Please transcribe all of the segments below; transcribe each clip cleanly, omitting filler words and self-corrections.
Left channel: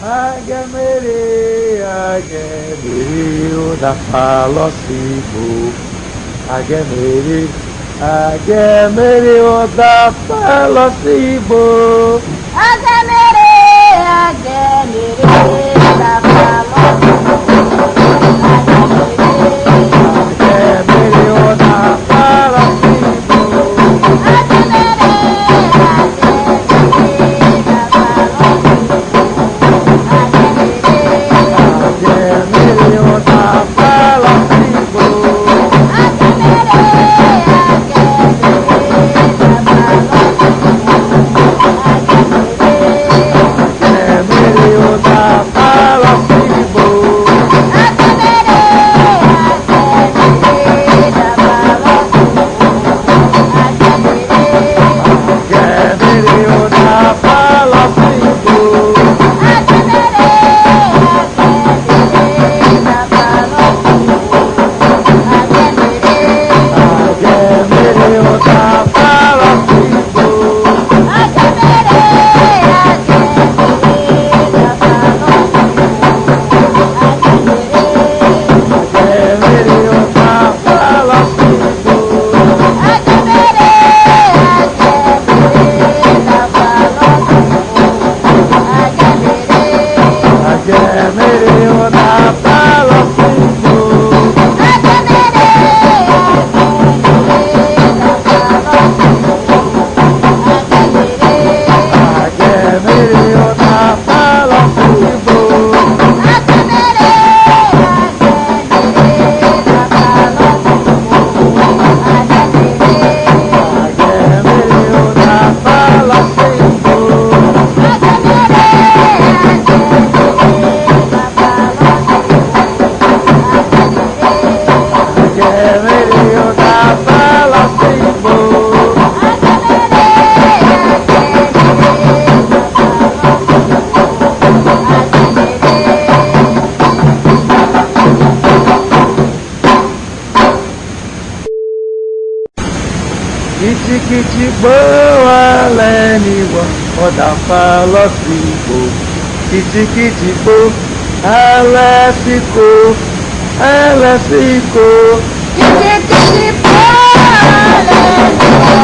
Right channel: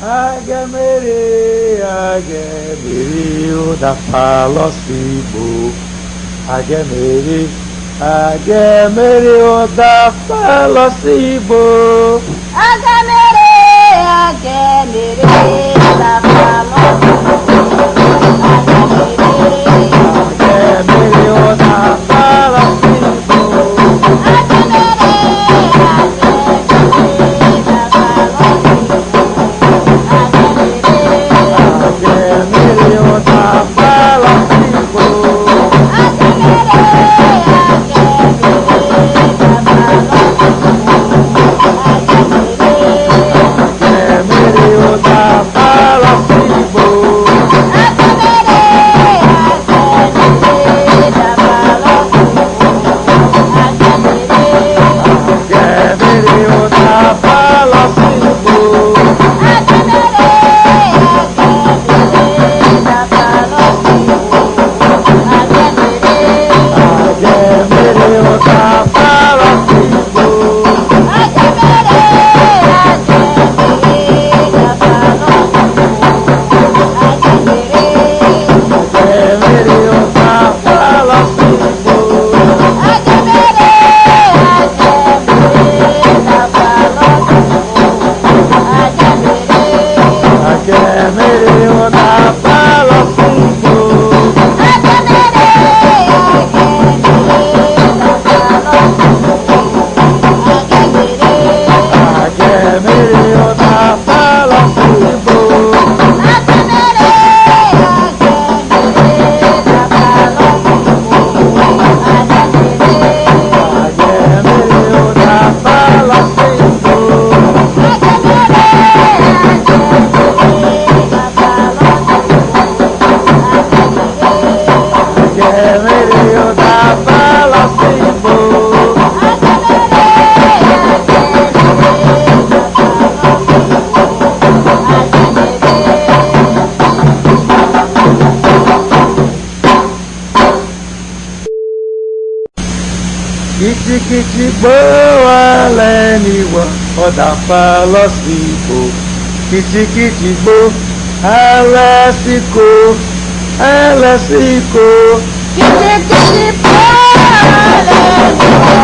Agamere, Agamere, o da Palocibo. Agamere, Agamere, o da Palocibo. Agamere, Agamere, da Palocibo. Kìtìkìtìgbò, alásìkò, alásìkò. Kìtìkìtìgbò, alásìkò.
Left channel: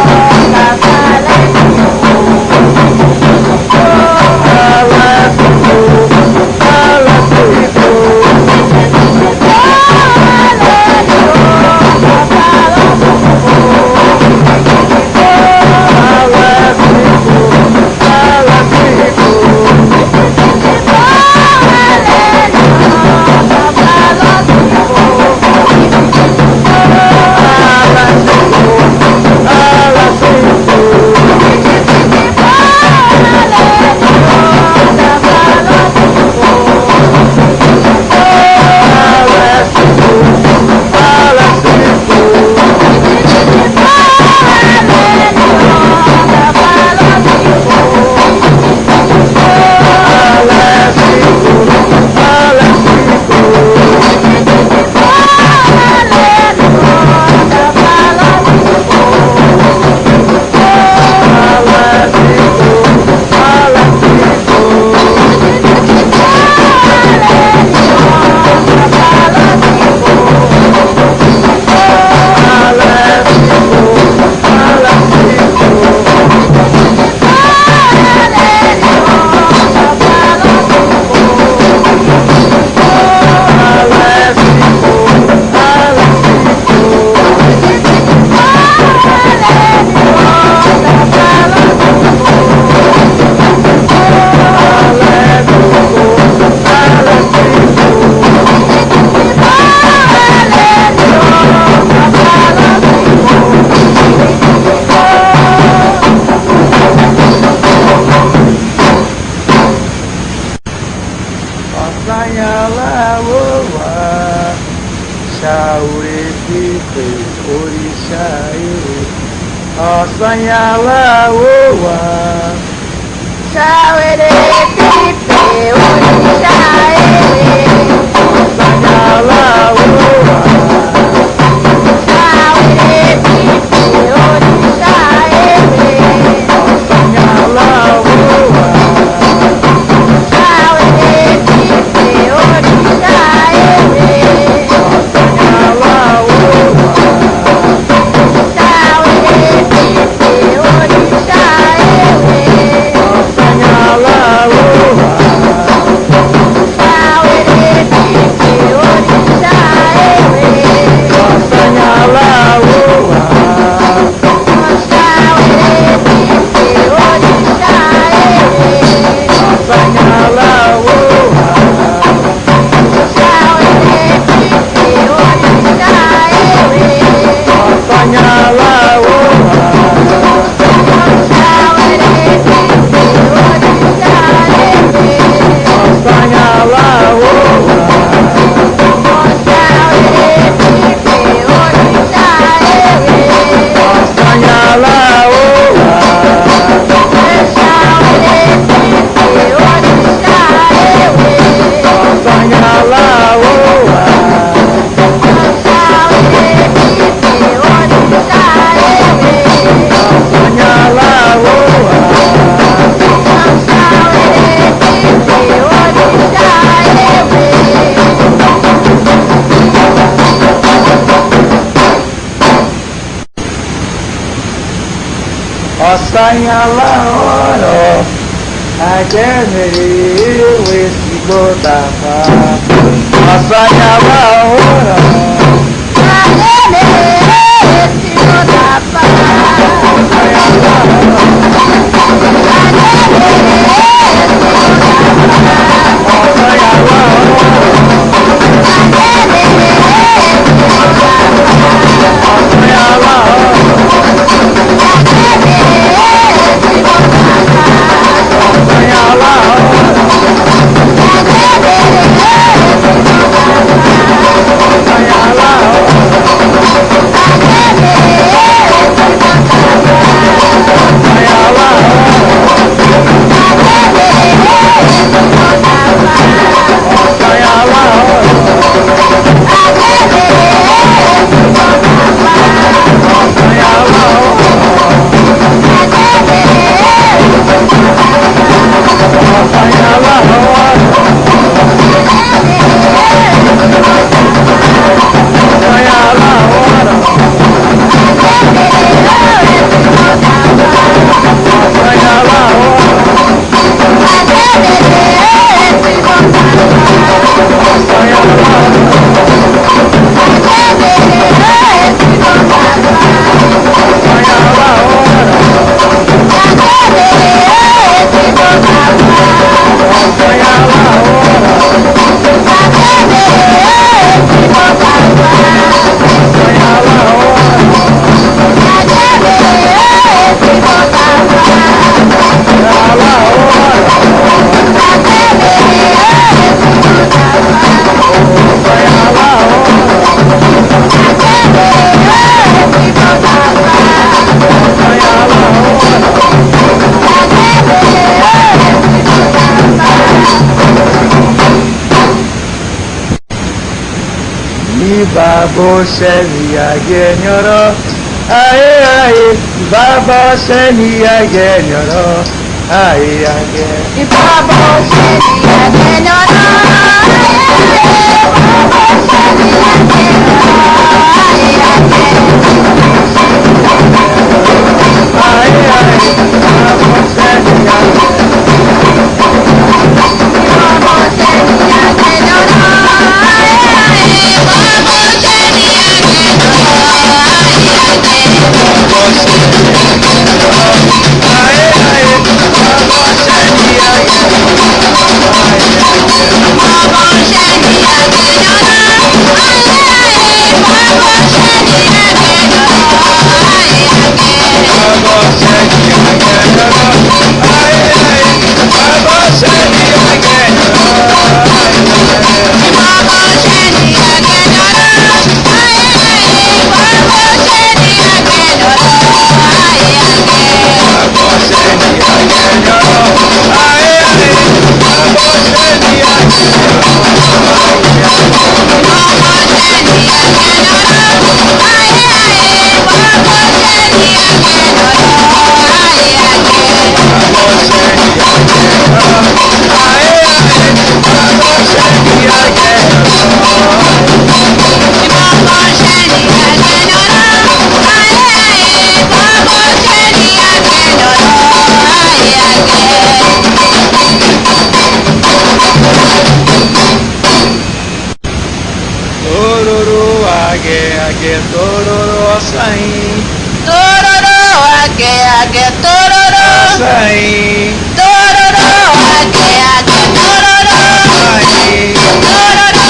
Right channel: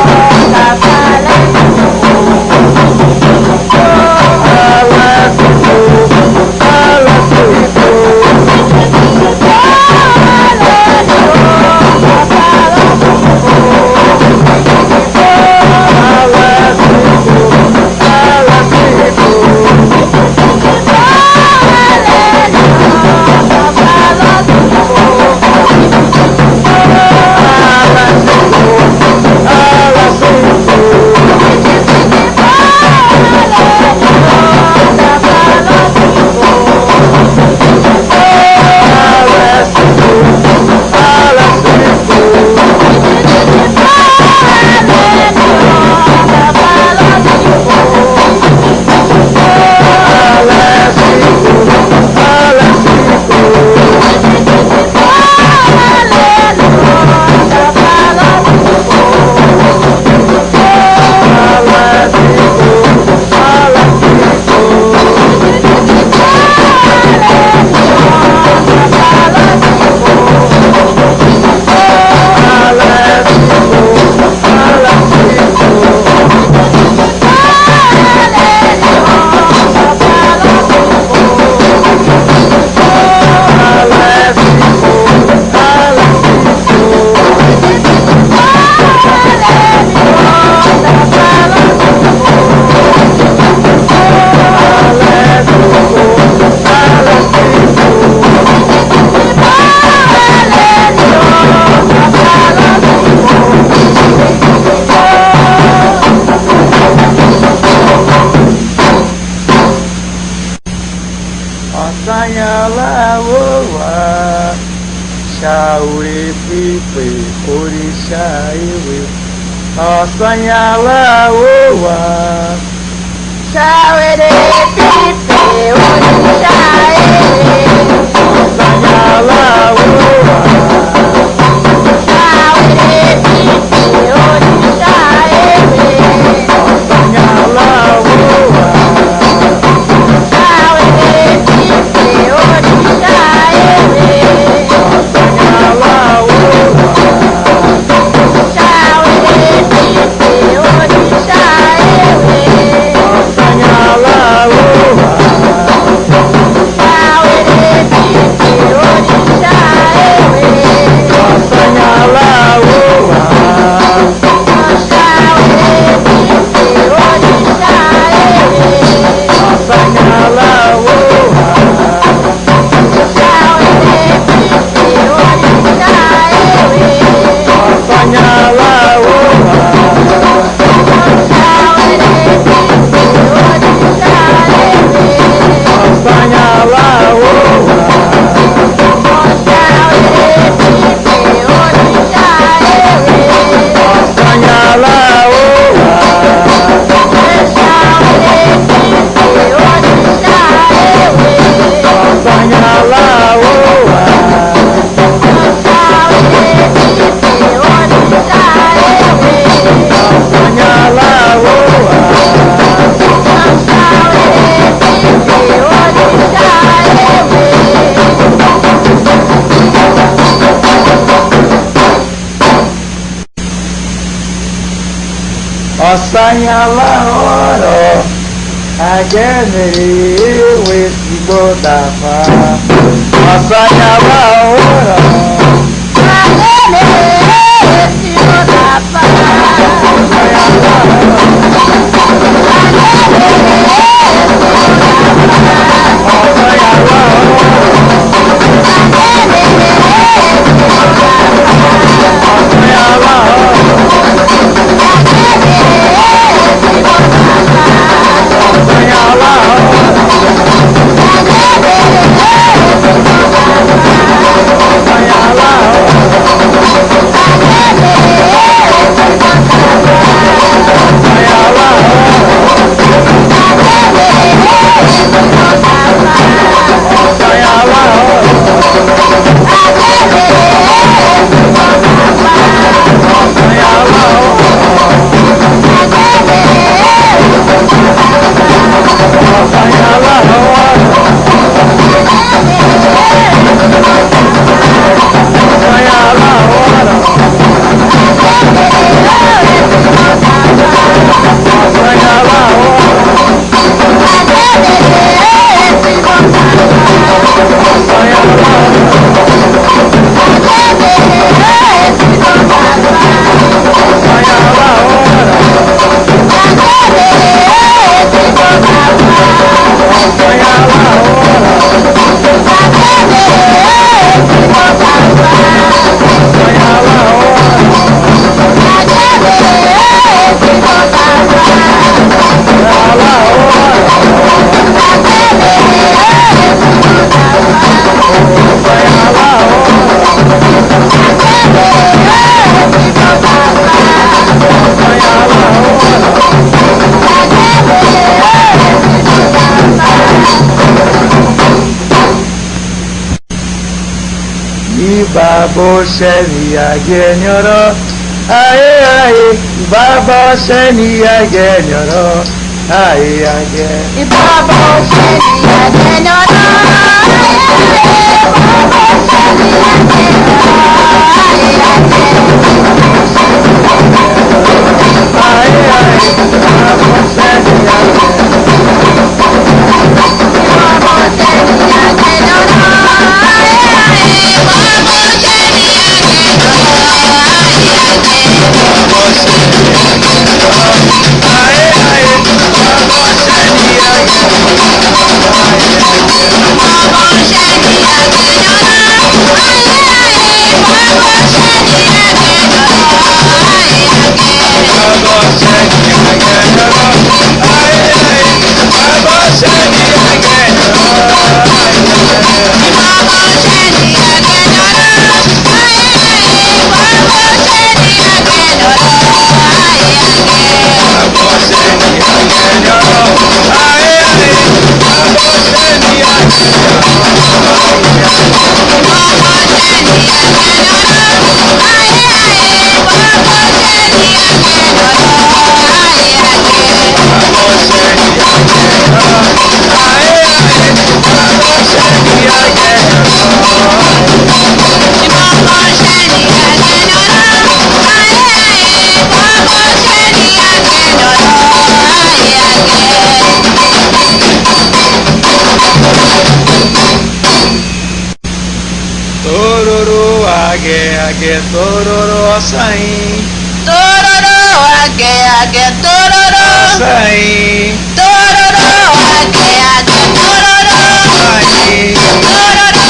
Ọ̀sányàlá ọ̀rọ̀ àjẹmèrè ewé ìgbó tàfà. Ọ̀sányàlá ọ̀rọ̀ Baboseni agenyoro, aye aye. Baboseni agenyoro, aye aye. Baboseni agenyoro, tororo açaí. Tororo, age, tororo. Açaí. Tororo, age, tororo. Açaí. Tororo,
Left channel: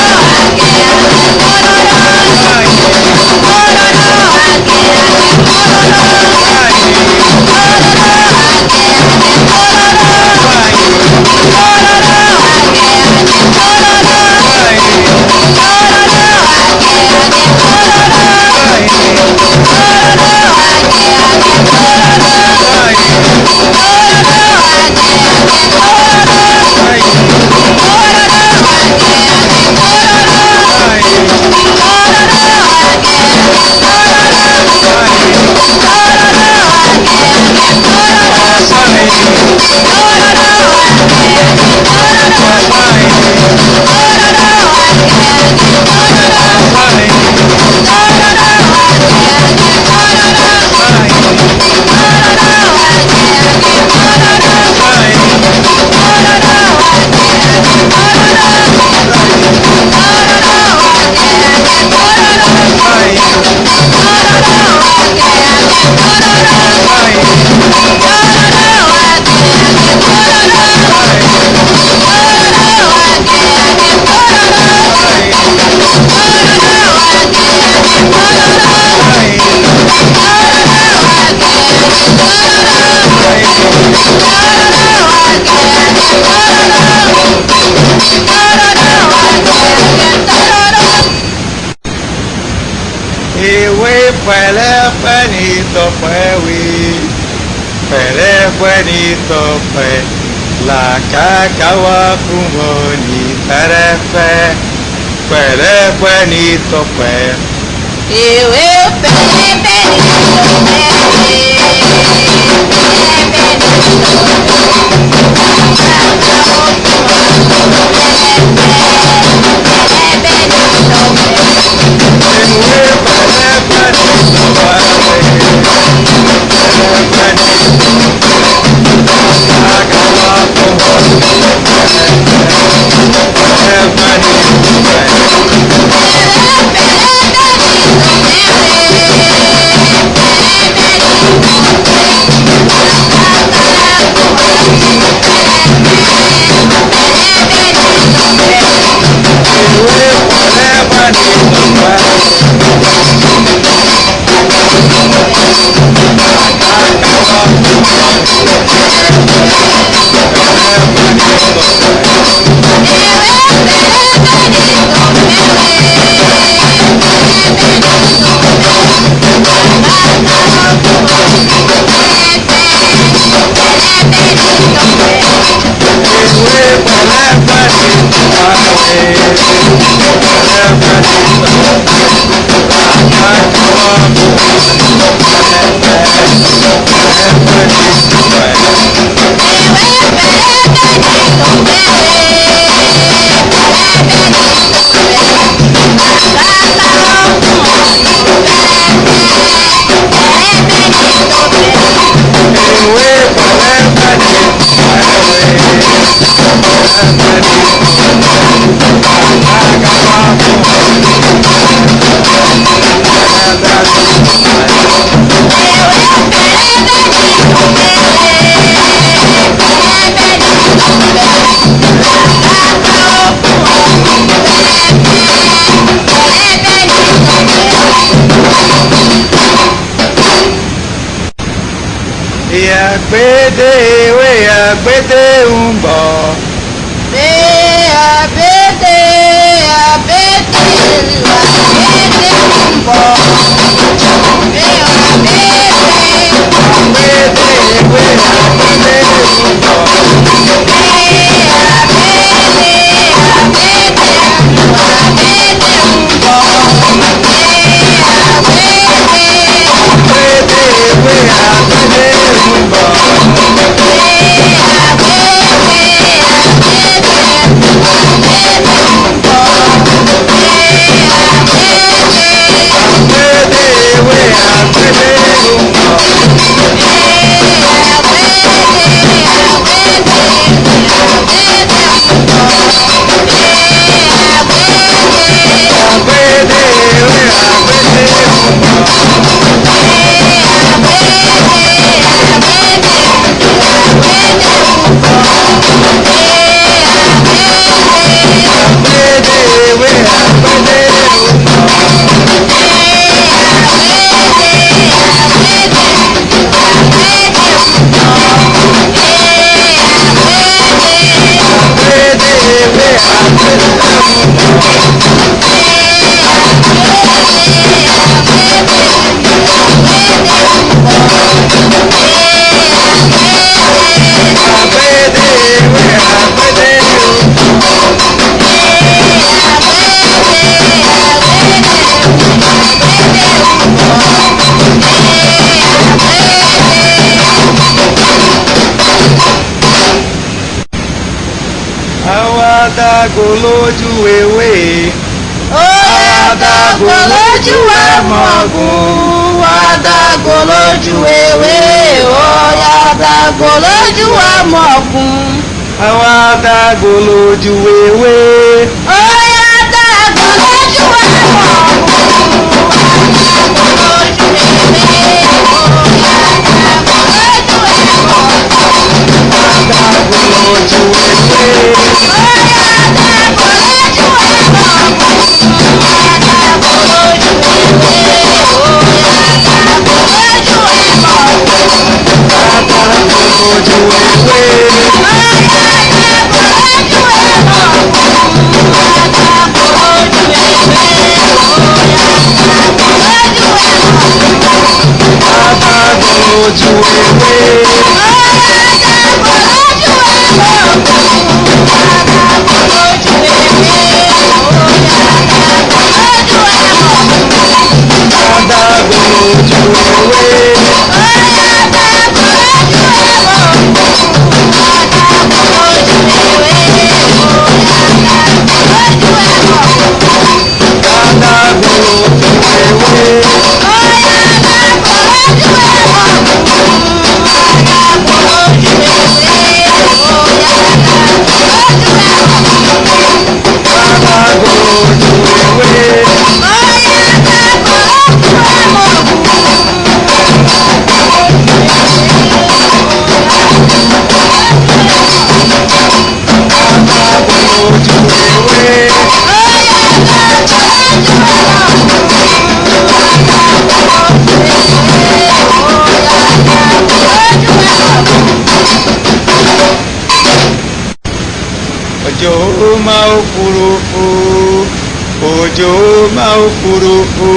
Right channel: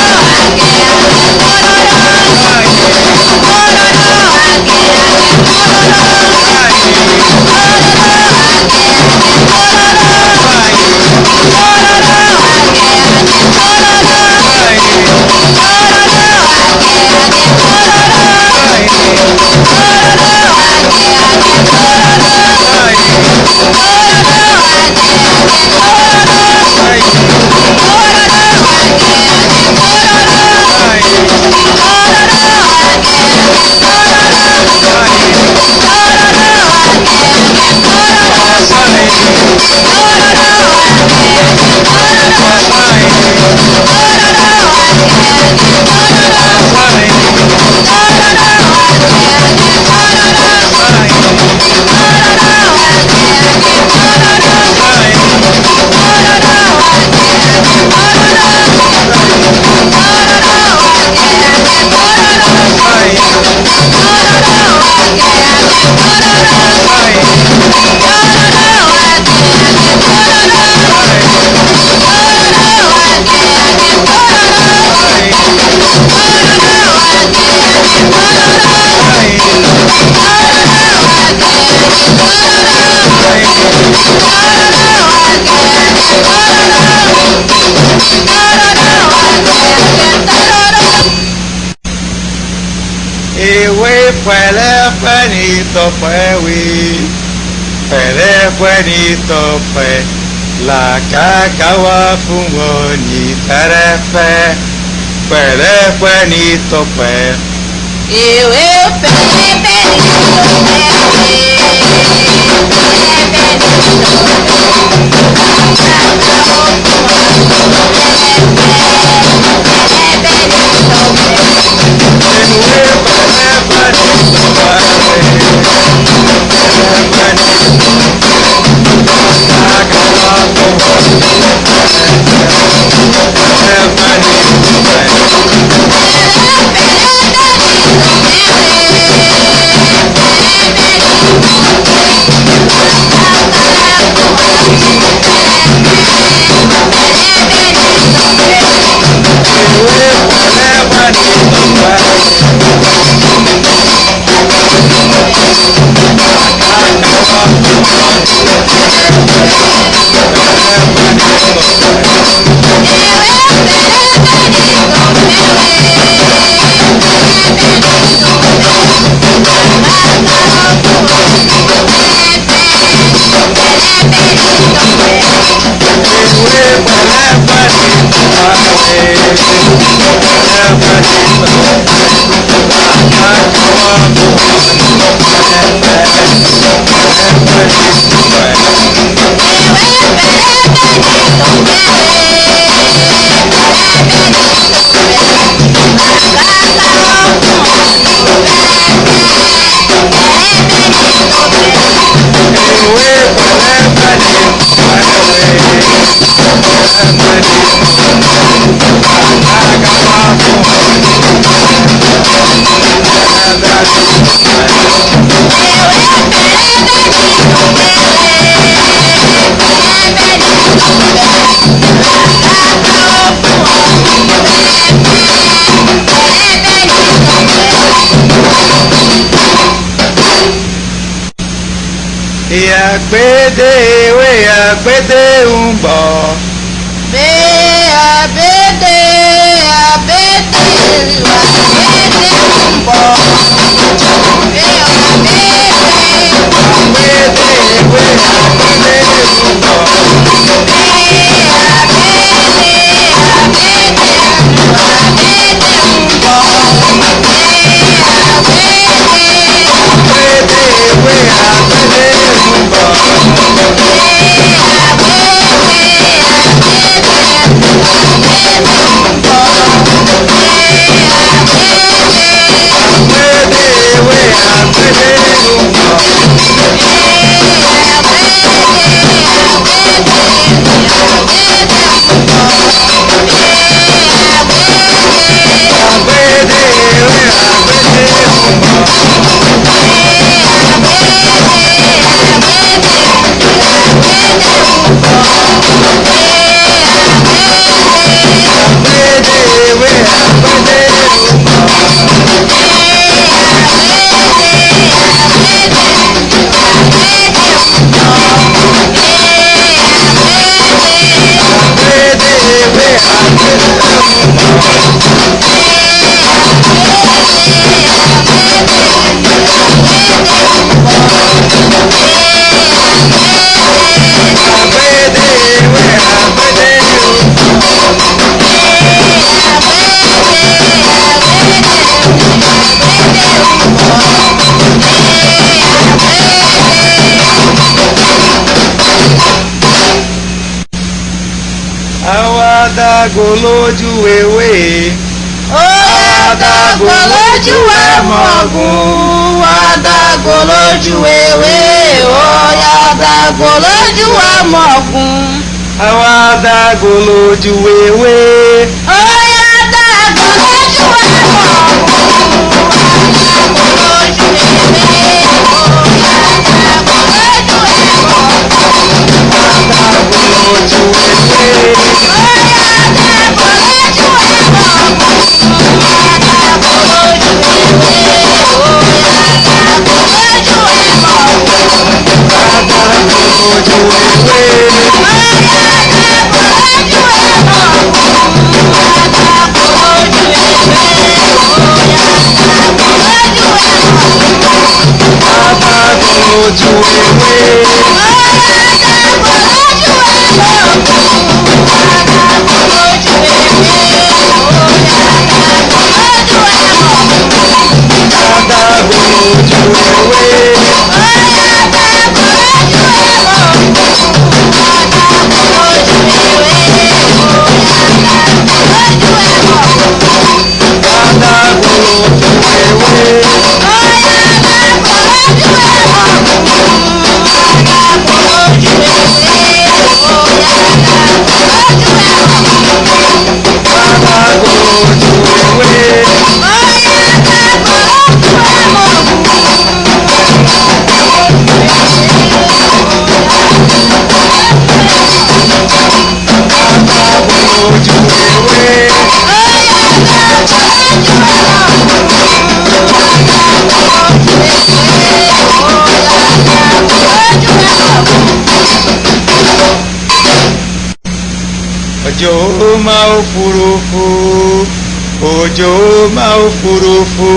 Ewé pẹ̀lẹ́pẹ̀ ní tọpẹ́ wí, pẹ̀lẹ́pẹ̀ ní tọpẹ́, làkàkà wá fún wọn ní pẹ̀lẹ́pẹ̀, pẹ̀lẹ́pẹ̀ ní tọpẹ́. Ìwé pẹ̀lẹ́pẹ̀ ní Àgbédè ewé àgbédè ń bọ̀. Bí àgbédè àgbédè ń bọ̀. Bí àgbédè Àgbédè ewé àgbédè ń bọ̀. Àgbédè ewé àgbédè ń bọ̀. Àgbédè ewé àgbédè ń bọ̀. Àgbédè ewé àgbédè ń bọ̀. Àgbédè ewé àgbédè ń bọ̀. Àgbédè ewé àgbédè ń bọ̀. Àgbédè ewé àgbédè ń bọ̀. Àwọn adágún lójú ewé. ó adágún lójú ẹ̀mọ̀gùn, adágún lójú ewé, ó adágún lójú ẹ̀mọ̀gùn. Àwọn adágún lójú ewé. Ó adágún lójú ẹ̀mọ̀gùn, adágún lójú ewé, ó Òjò máa òfurufú, òjò máa òfurufú,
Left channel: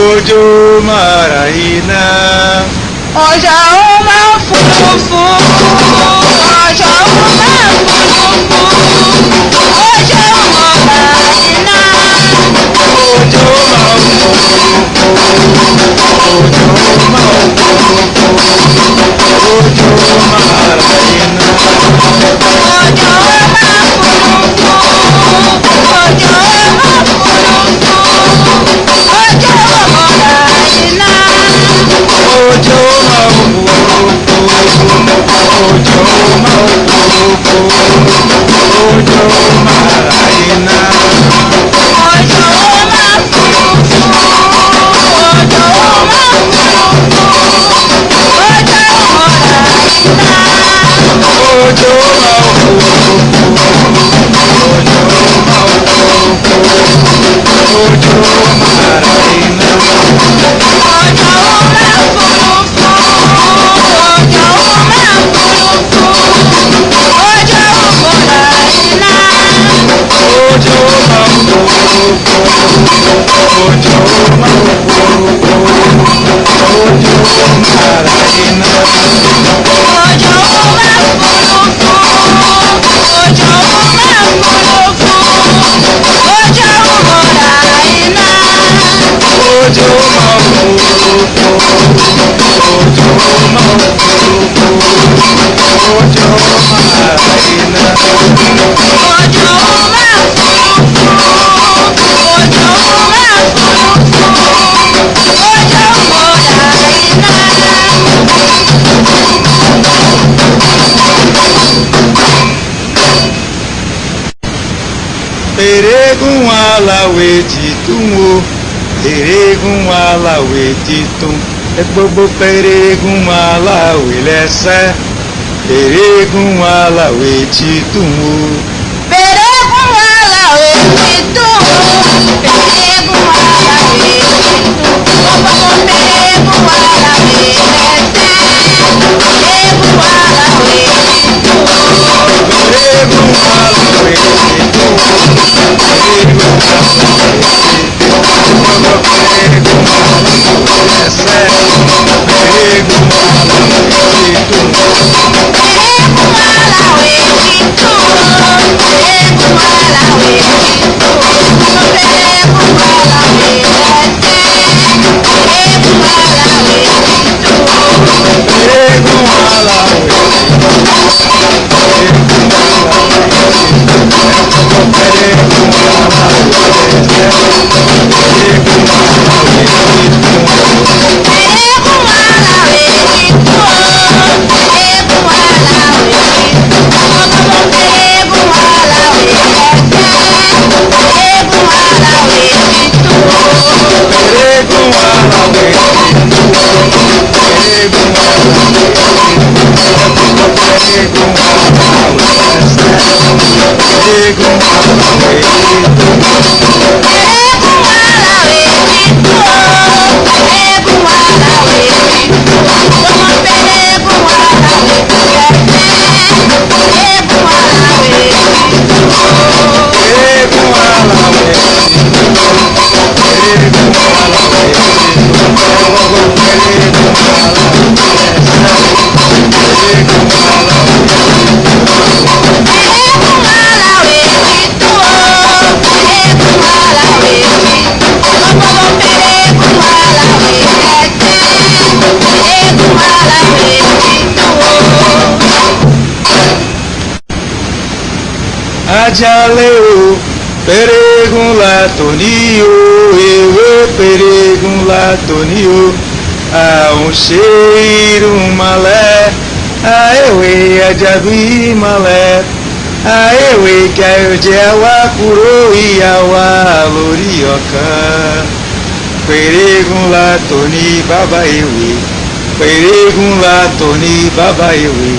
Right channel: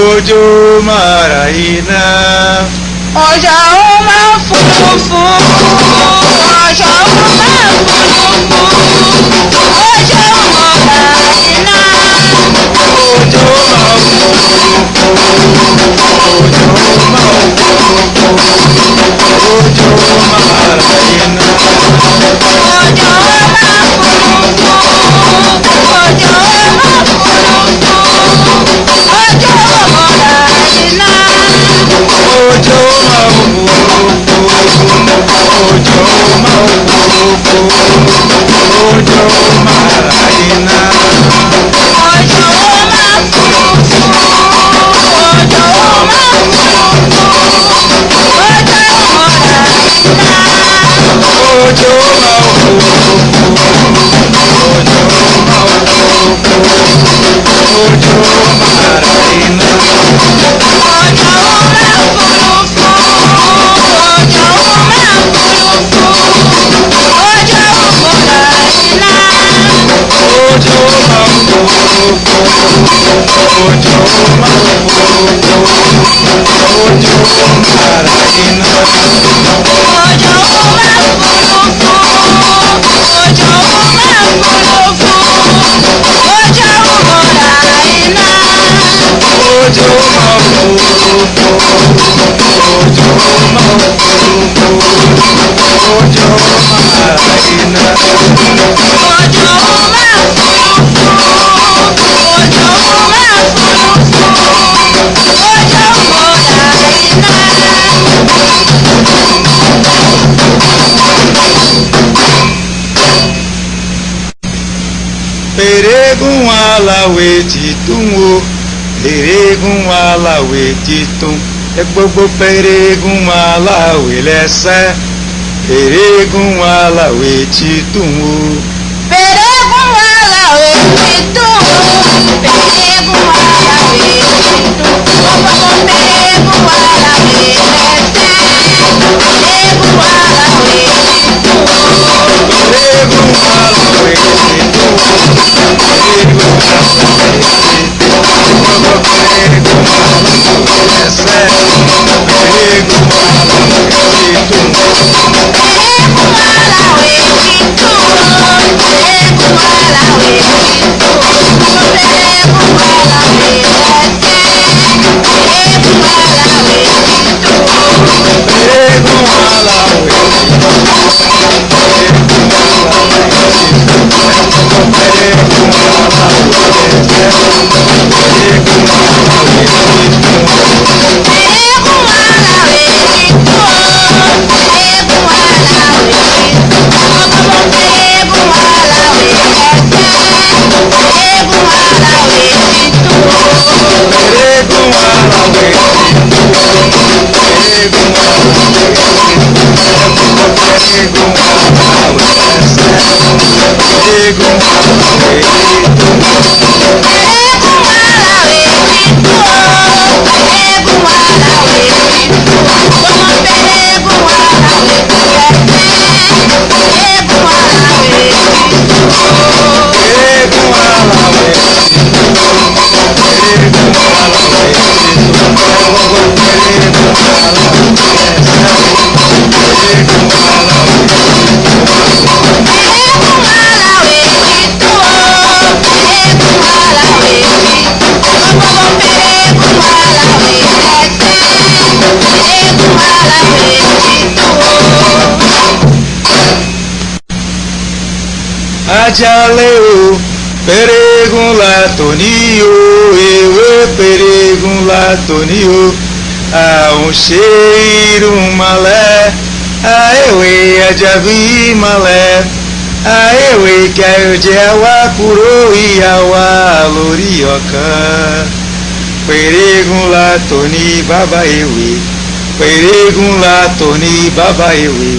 òjò máa ra iná. Òjò máa òfurufú, òjò máa òfurufú, òjò máa ra iná. Òjò máa òfurufú, òjò máa òfurufú, òjò máa ra iná. Òjò máa òfurufú, òjò máa òfurufú, òjò máa ra iná. Òjò máa òfurufú, òjò máa òfurufú, òjò máa ra iná. Òjò máa òfurufú, òjò máa òfurufú, òjò máa ra iná. Òjò máa òfurufú, òjò máa òfurufú, òjò máa ra iná. Òjò máa òfurufú, òjò máa òfurufú, òjò máa ra iná. Òjò máa òfurufú, òjò máa òfurufú, òjò máa ra iná. Òjò máa òfurufú, òjò máa òfurufú, òjò máa ra iná. Òjò máa òfurufú, òjò máa òfurufú, òjò máa ra iná. Òjò máa òfurufú, òjò máa òfurufú, òjò máa ra iná. Peregun alawe titun o, peregun alawe titun, gbogbo peregun alawe lẹ́sẹ̀, peregun alawe titun o. Peregun alawe titun, peregun alawe titun, gbogbo peregun alawe lẹ́sẹ̀, peregun alawe titun. Peregun alawe titun, peregun alawe titun, gbogbo peregun alawe lẹ́sẹ̀, peregun alawe titun. Peregun alawe titun, peregun alawe titun, gbogbo peregun alawe lẹ́sẹ̀, peregun alawe titun. Peregun alawe titun, peregun alawe titun, gbogbo peregun alawe lẹ́sẹ̀, peregun alawe titun. Peregun alawe titun, peregun alawe titun, gbogbo peregun alawe lẹ́sẹ̀, peregun alawe titun. Peregun alawe titun, peregun alawe titun, peregun alawe lẹ́sẹ̀, peregun alawe titun. Peregun alawe titun, peregun alawe titun, gbogbo peregun alawe lẹ́sẹ̀, peregun alawe titun. Peregun alawe titun, peregun alawe titun, gbogbo peregun alawe lẹ́sẹ̀, peregun alawe Ajale o, peregun la toni o, ewé peregun la toni o, àwọn ṣe irun malẹ̀, àìwé ajabi malẹ̀, àìwé kẹjẹ wa kúrò ìyá wa lórí ọ̀kan. Peregun la toni bàbá ewé, peregun la toni bàbá ewé.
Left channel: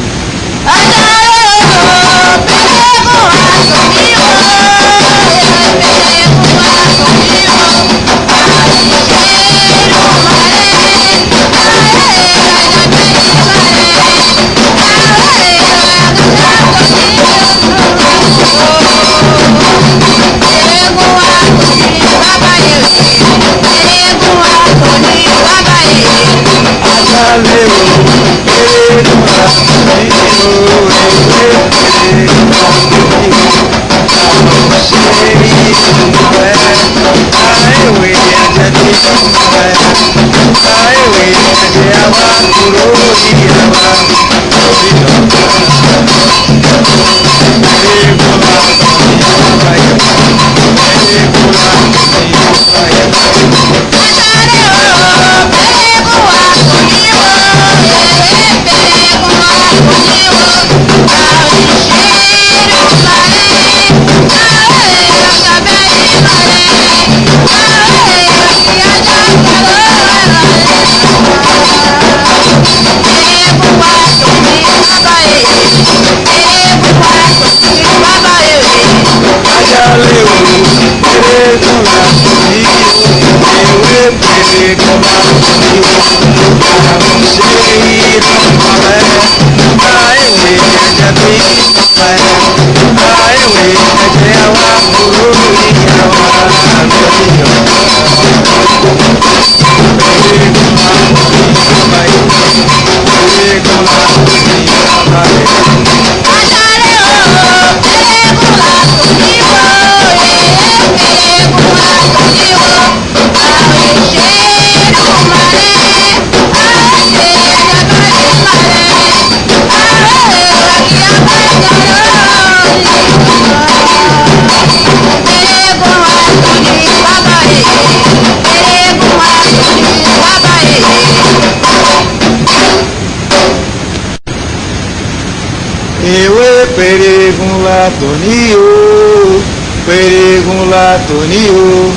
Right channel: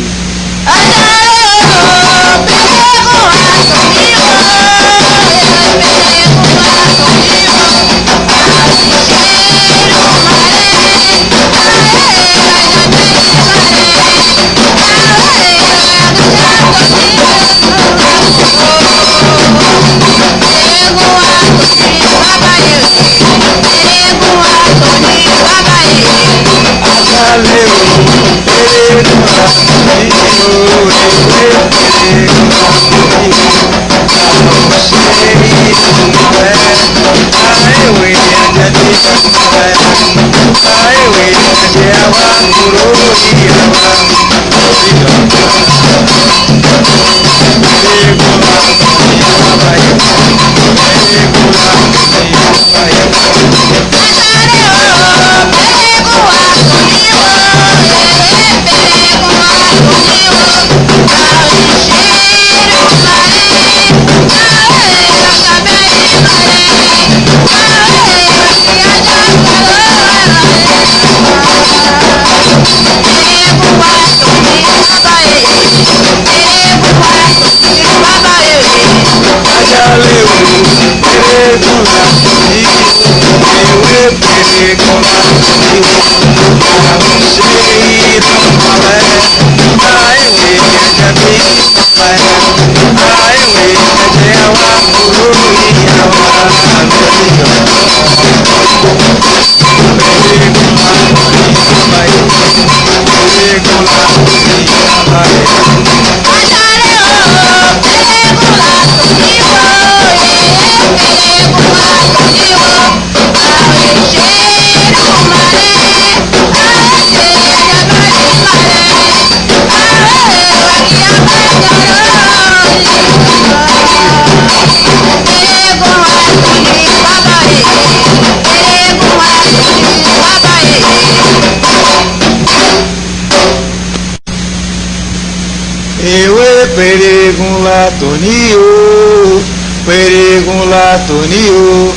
ewé peregun la tòní o, peregun la tòní o.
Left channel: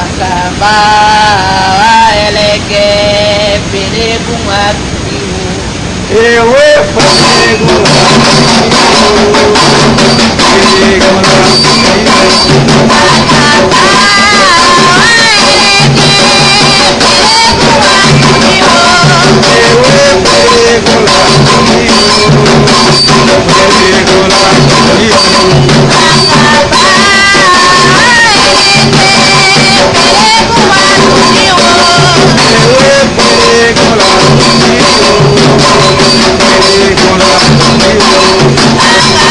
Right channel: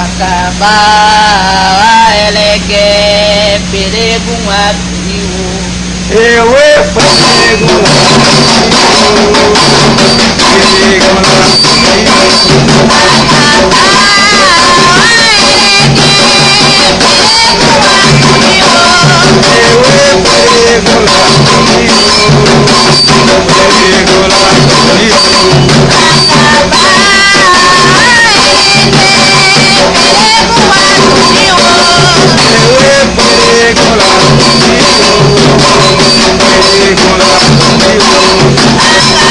Àkàbà ẹlẹ́gẹ̀ peregun àtúnyí o. Ewé peregun la tòní o, peregun la tòní o. Ewé peregun la tòní o, peregun la tòní o.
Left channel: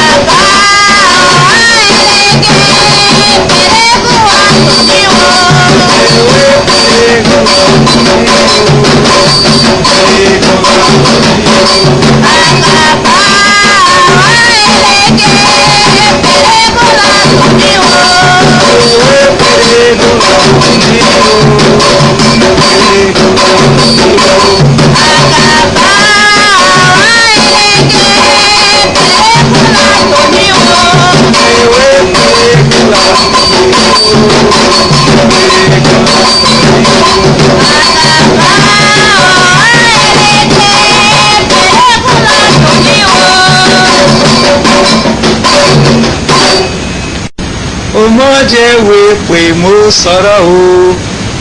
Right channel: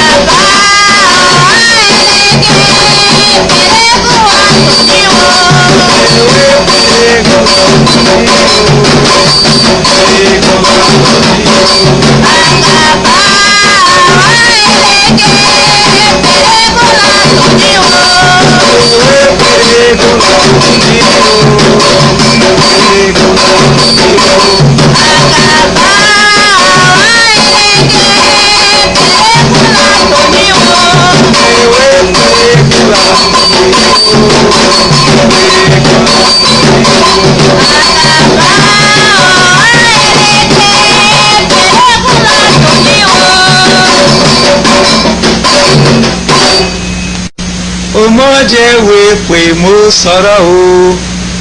Ọmọdéwé pé mo sọ̀rọ̀ o,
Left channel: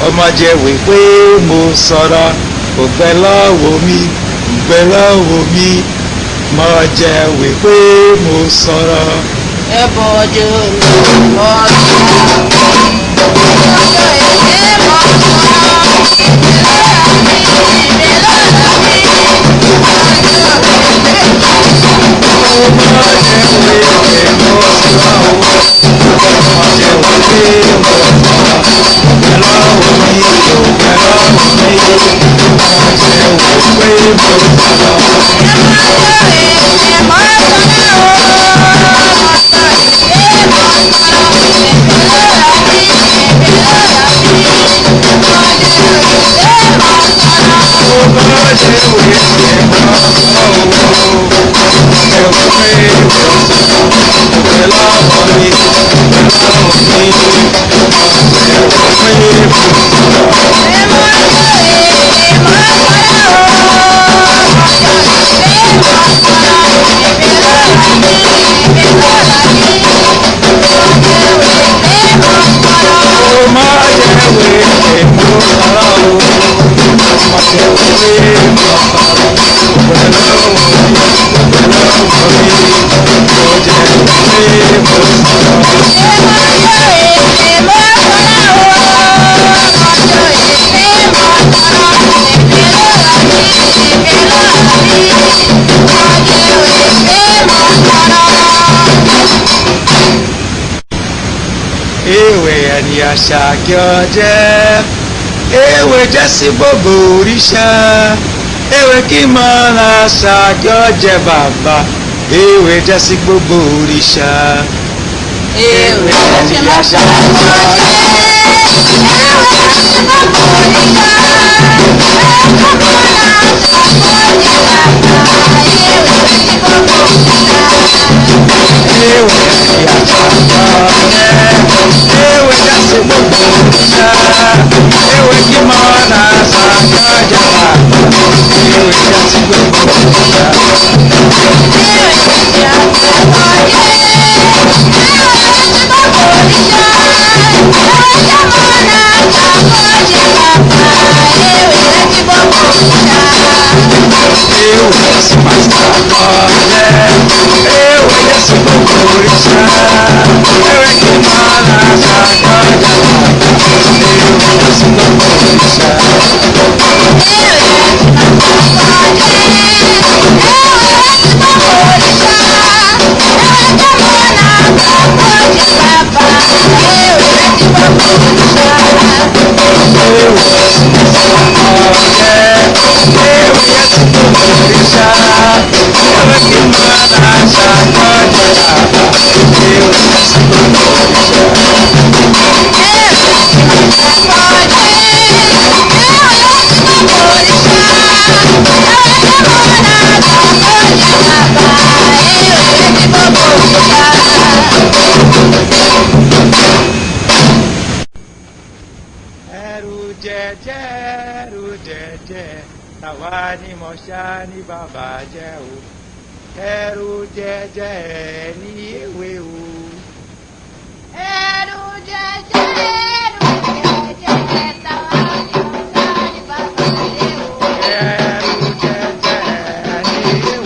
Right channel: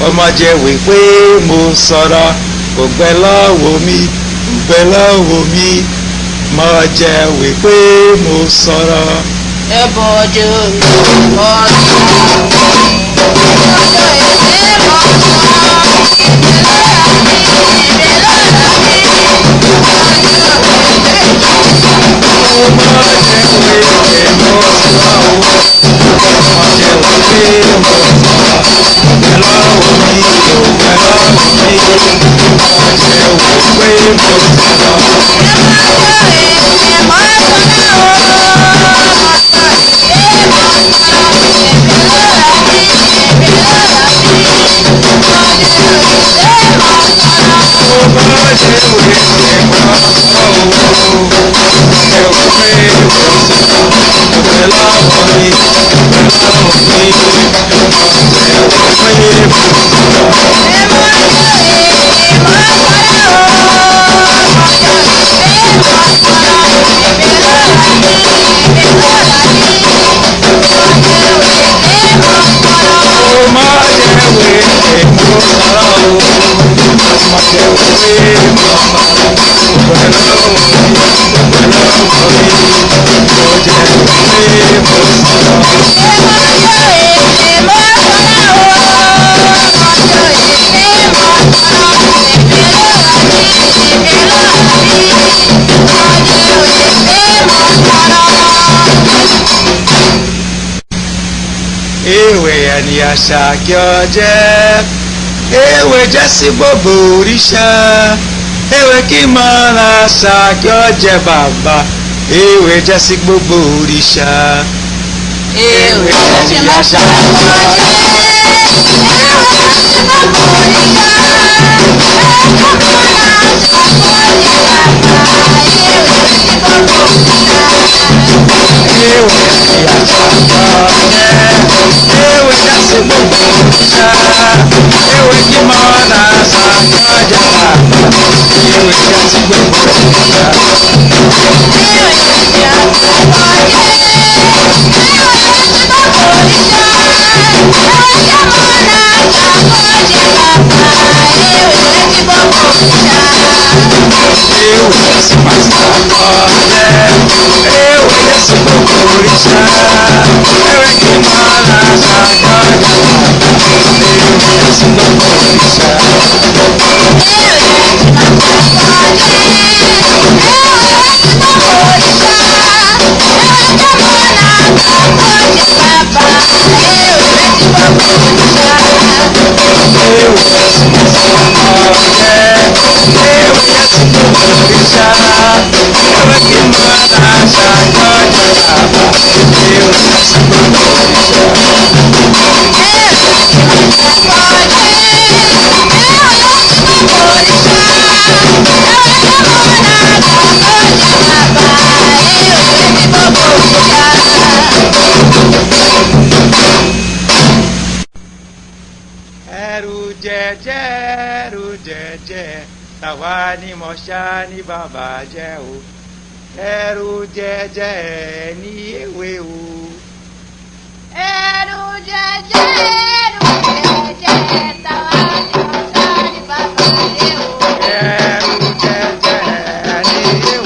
ọmọdéwé pé mo sọ̀rọ̀, ògbẹ́ lọ́wọ́ mi, ògbẹ́ lọ́wọ́ mi, mọ̀jẹ̀wé pé mo sọ̀rọ̀. Ẹ bọ̀jọ̀ Ewé ẹni àṣà kí ọ jẹ́, ewé jẹ́ sí gbogbo òrìṣà, ewé kí mọ́ra àṣà kí ọ jẹ́ bàbá, ewé jẹ́ sí gbogbo òrìṣà. ewé jẹ́ sí àṣà kí ọ jẹ́, ewé jẹ́ sí gbogbo òrìṣà, Eu tàwa ni mọ̀ṣá ní bàbá jẹ́ o ẹrù jẹjẹ ní ewé o. ẹrù jẹjẹ tàwa ni mọ̀ṣá ní bàbá jẹ́ o. ẹrù jẹjẹ ní ewé o.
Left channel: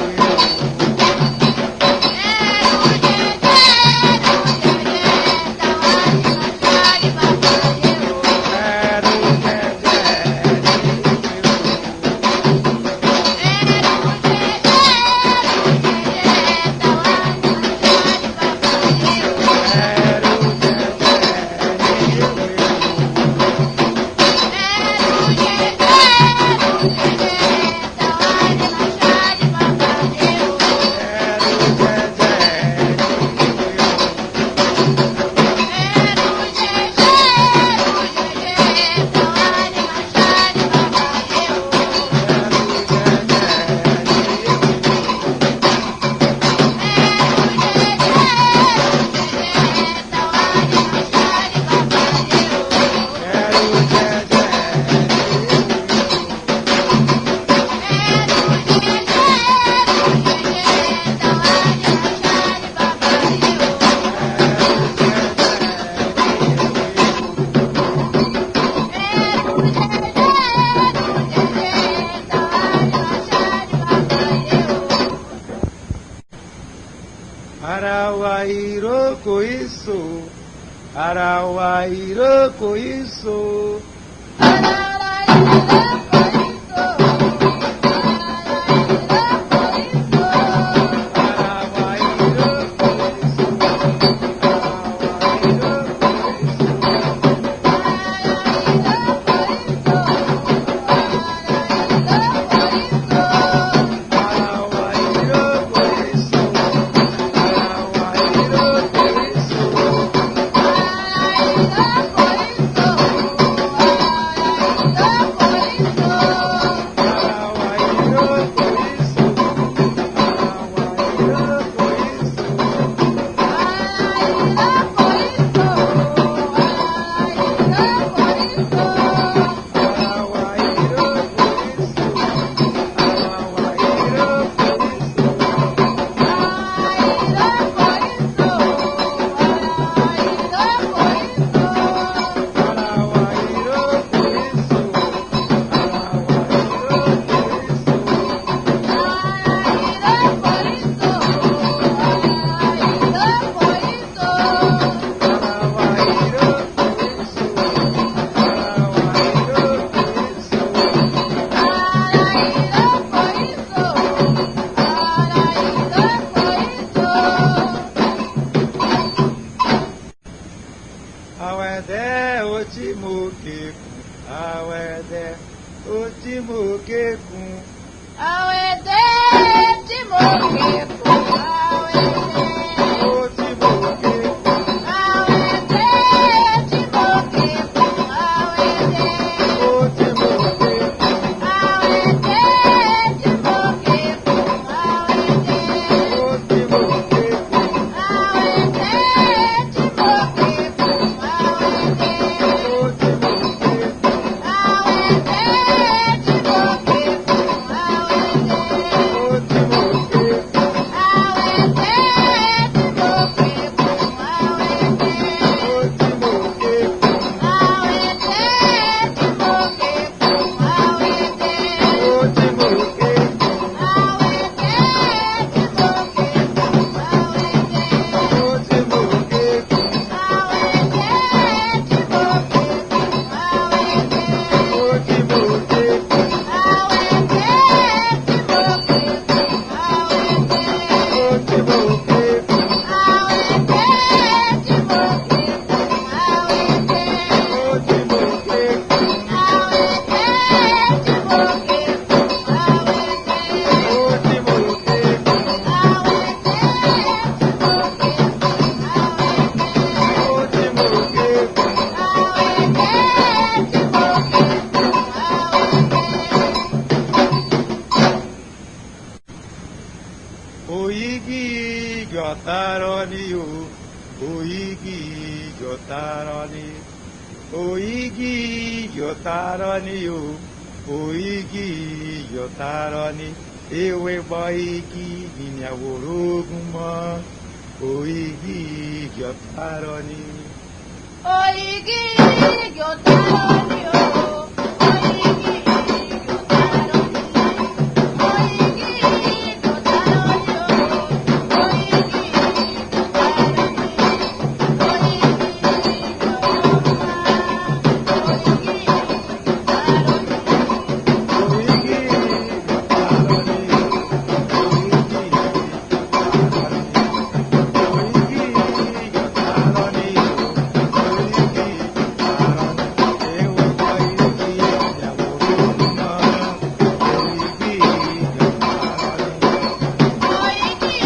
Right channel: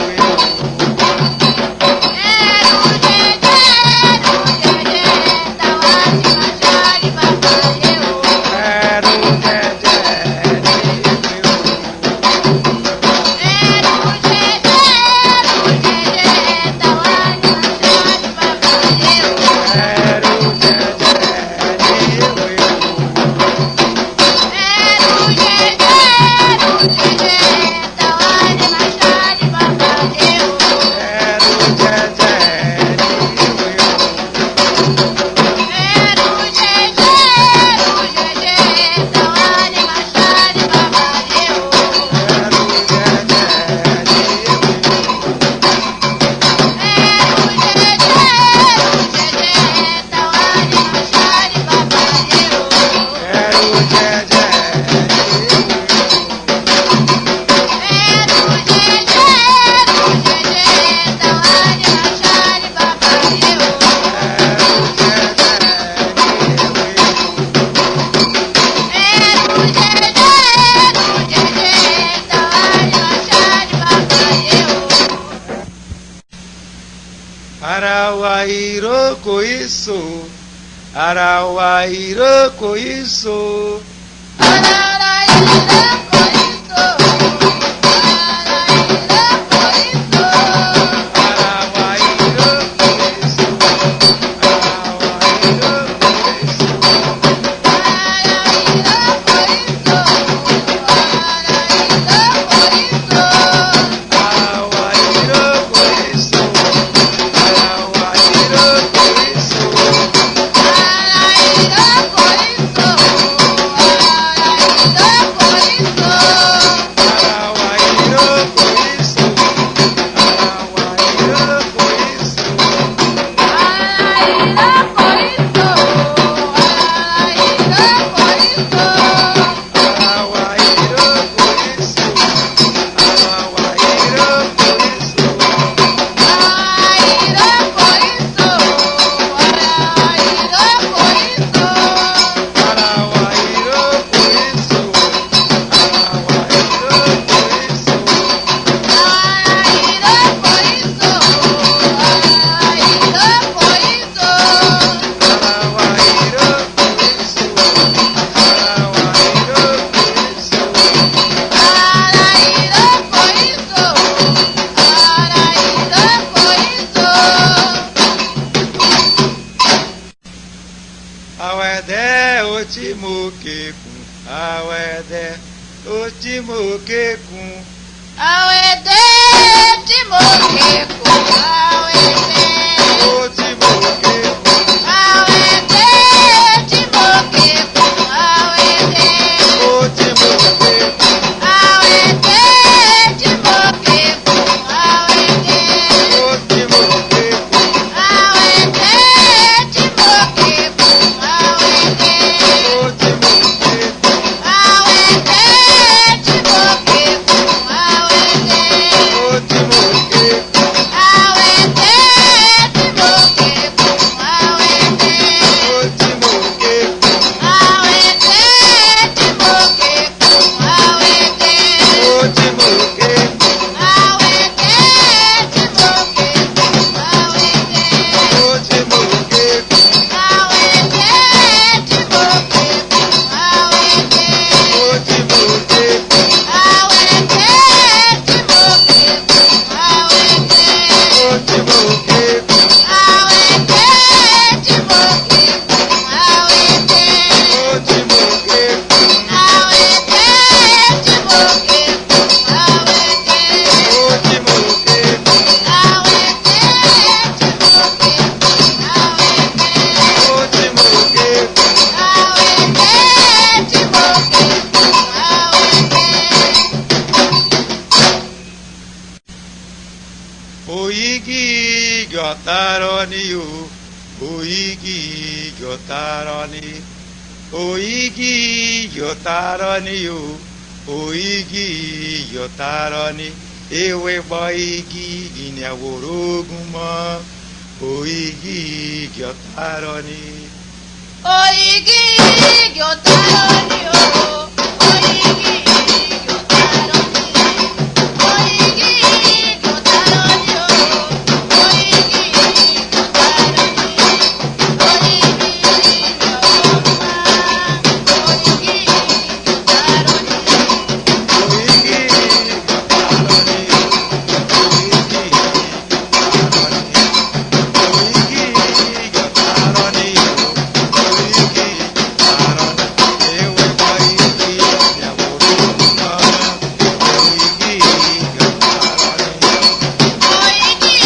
Ara wa ìrókò ìso, ara wa ìrókò ìso. Awẹ́dẹ́ ó tí mo kékun, awẹ́dẹ́ ó tí mo kékun. Awẹ́dẹ́ tí mo kékun, awẹ́dẹ́ Ó tí mo kékun, awẹ́dẹ́ tí mo kékun, awẹ́dẹ́ ó tí mo kékun, awẹ́dẹ́ tí mo kékun, awẹ́dẹ́ ó tí mo kékun. awẹ́dẹ́ tí mo kékun, awẹ́dẹ́ Ó tí mo kékun, awẹ́dẹ́ tí mo kékun, Gyotarani o, Oigi Gyotarani, Oigi Gyotarani o, o igi yọ̀tàrọ̀ ni ewé bọ́ igi ìyàwó orógùn mọ́ o igi yọ̀tàrọ̀ ni. Oigi yọ̀tàrọ̀ ni o. Oigi yọ̀tàrọ̀ ni. Oigi yọ̀tàrọ̀ ni o. Oigi yọ̀tàrọ̀ ni. Oigi yọ̀ọ̀ma. Oigi yọ̀tàrọ̀ ni. Oigi yọ̀tàrọ̀ ni.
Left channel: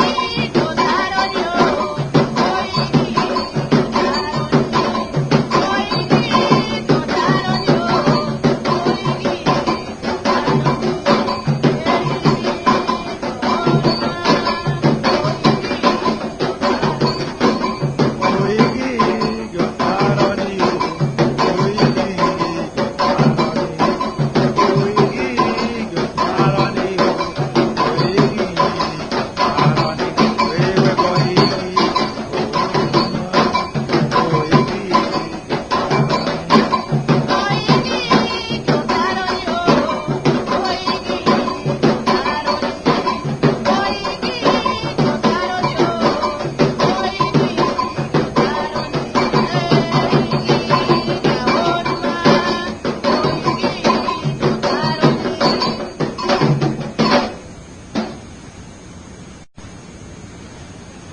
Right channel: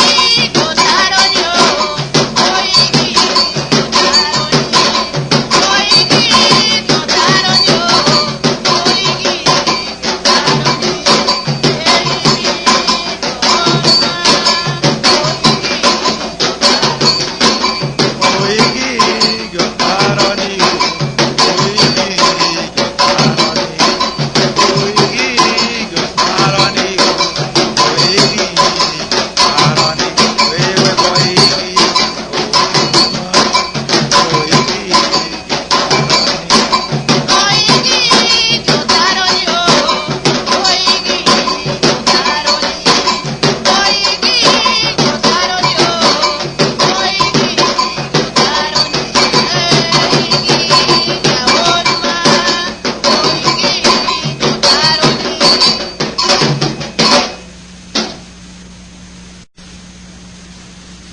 Oigi yọ̀tàrọ̀ ni.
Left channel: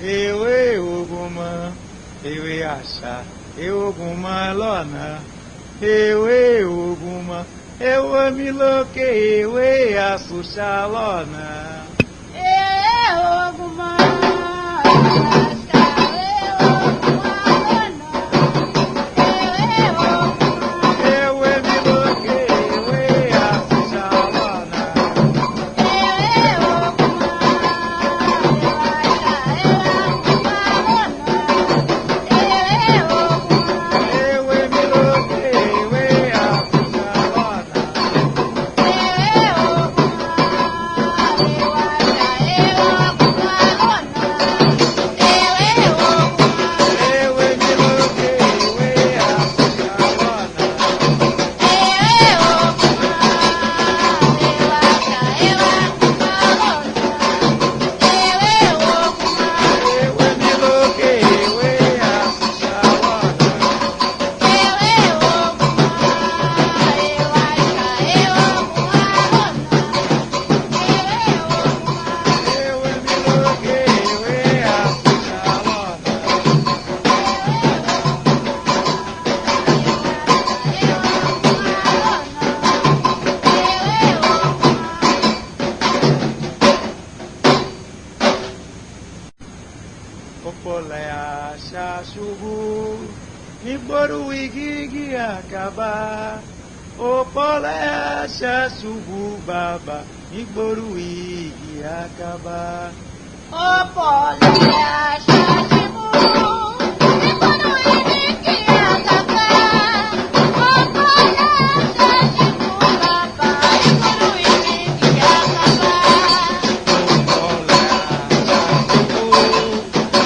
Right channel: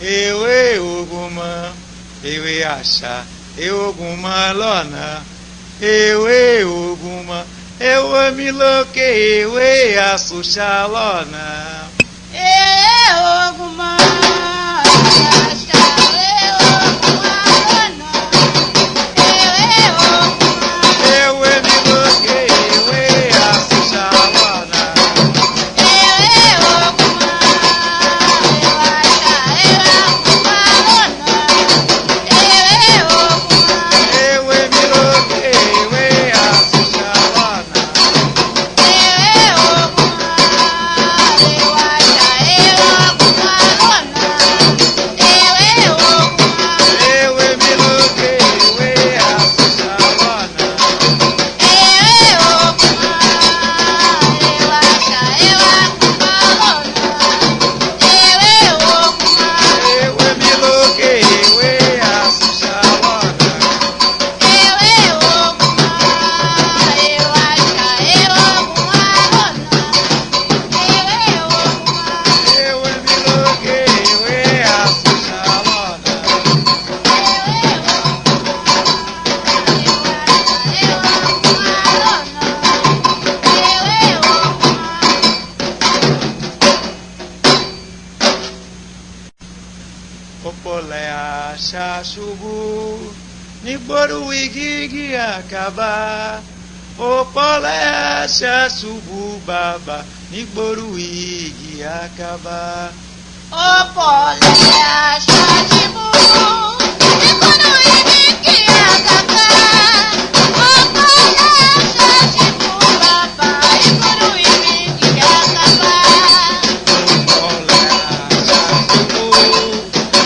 Ewé ogun mọ, ewé àṣà, ogun mọ lọ́nà. Ewé ogun mọ, ewé mi lókè, ewé àṣùṣà lọ́nà. Ogun mọ́ àṣà, ogun mọ́ lọ́nà. Ogun mọ́. Ewé mi lókè, ewé àṣùṣà lọ́nà. Ewé mi lókè, ewé àṣùṣà lọ́nà. Ewé mi lókè, ewé àṣùṣà lọ́nà. Ewé mi lókè, ewé àṣùṣà lọ́nà. Ewé mi lókè, ewé àṣùṣà lọ́nà. Ọ̀pọ̀lẹ̀ àṣà ṣubú nígboro igi àkàbà. Ọ̀pọ̀lẹ̀ àṣà ṣubú bàbà nígboro igi àkàbà. Ọ̀pọ̀lẹ̀ àṣà ṣubú nígboro igi àkàbà. Ọ̀pọ̀lẹ̀ àṣà ṣubú bàbà nígboro igi àkàbà. Ọ̀pọ̀lẹ̀ àṣà ṣubú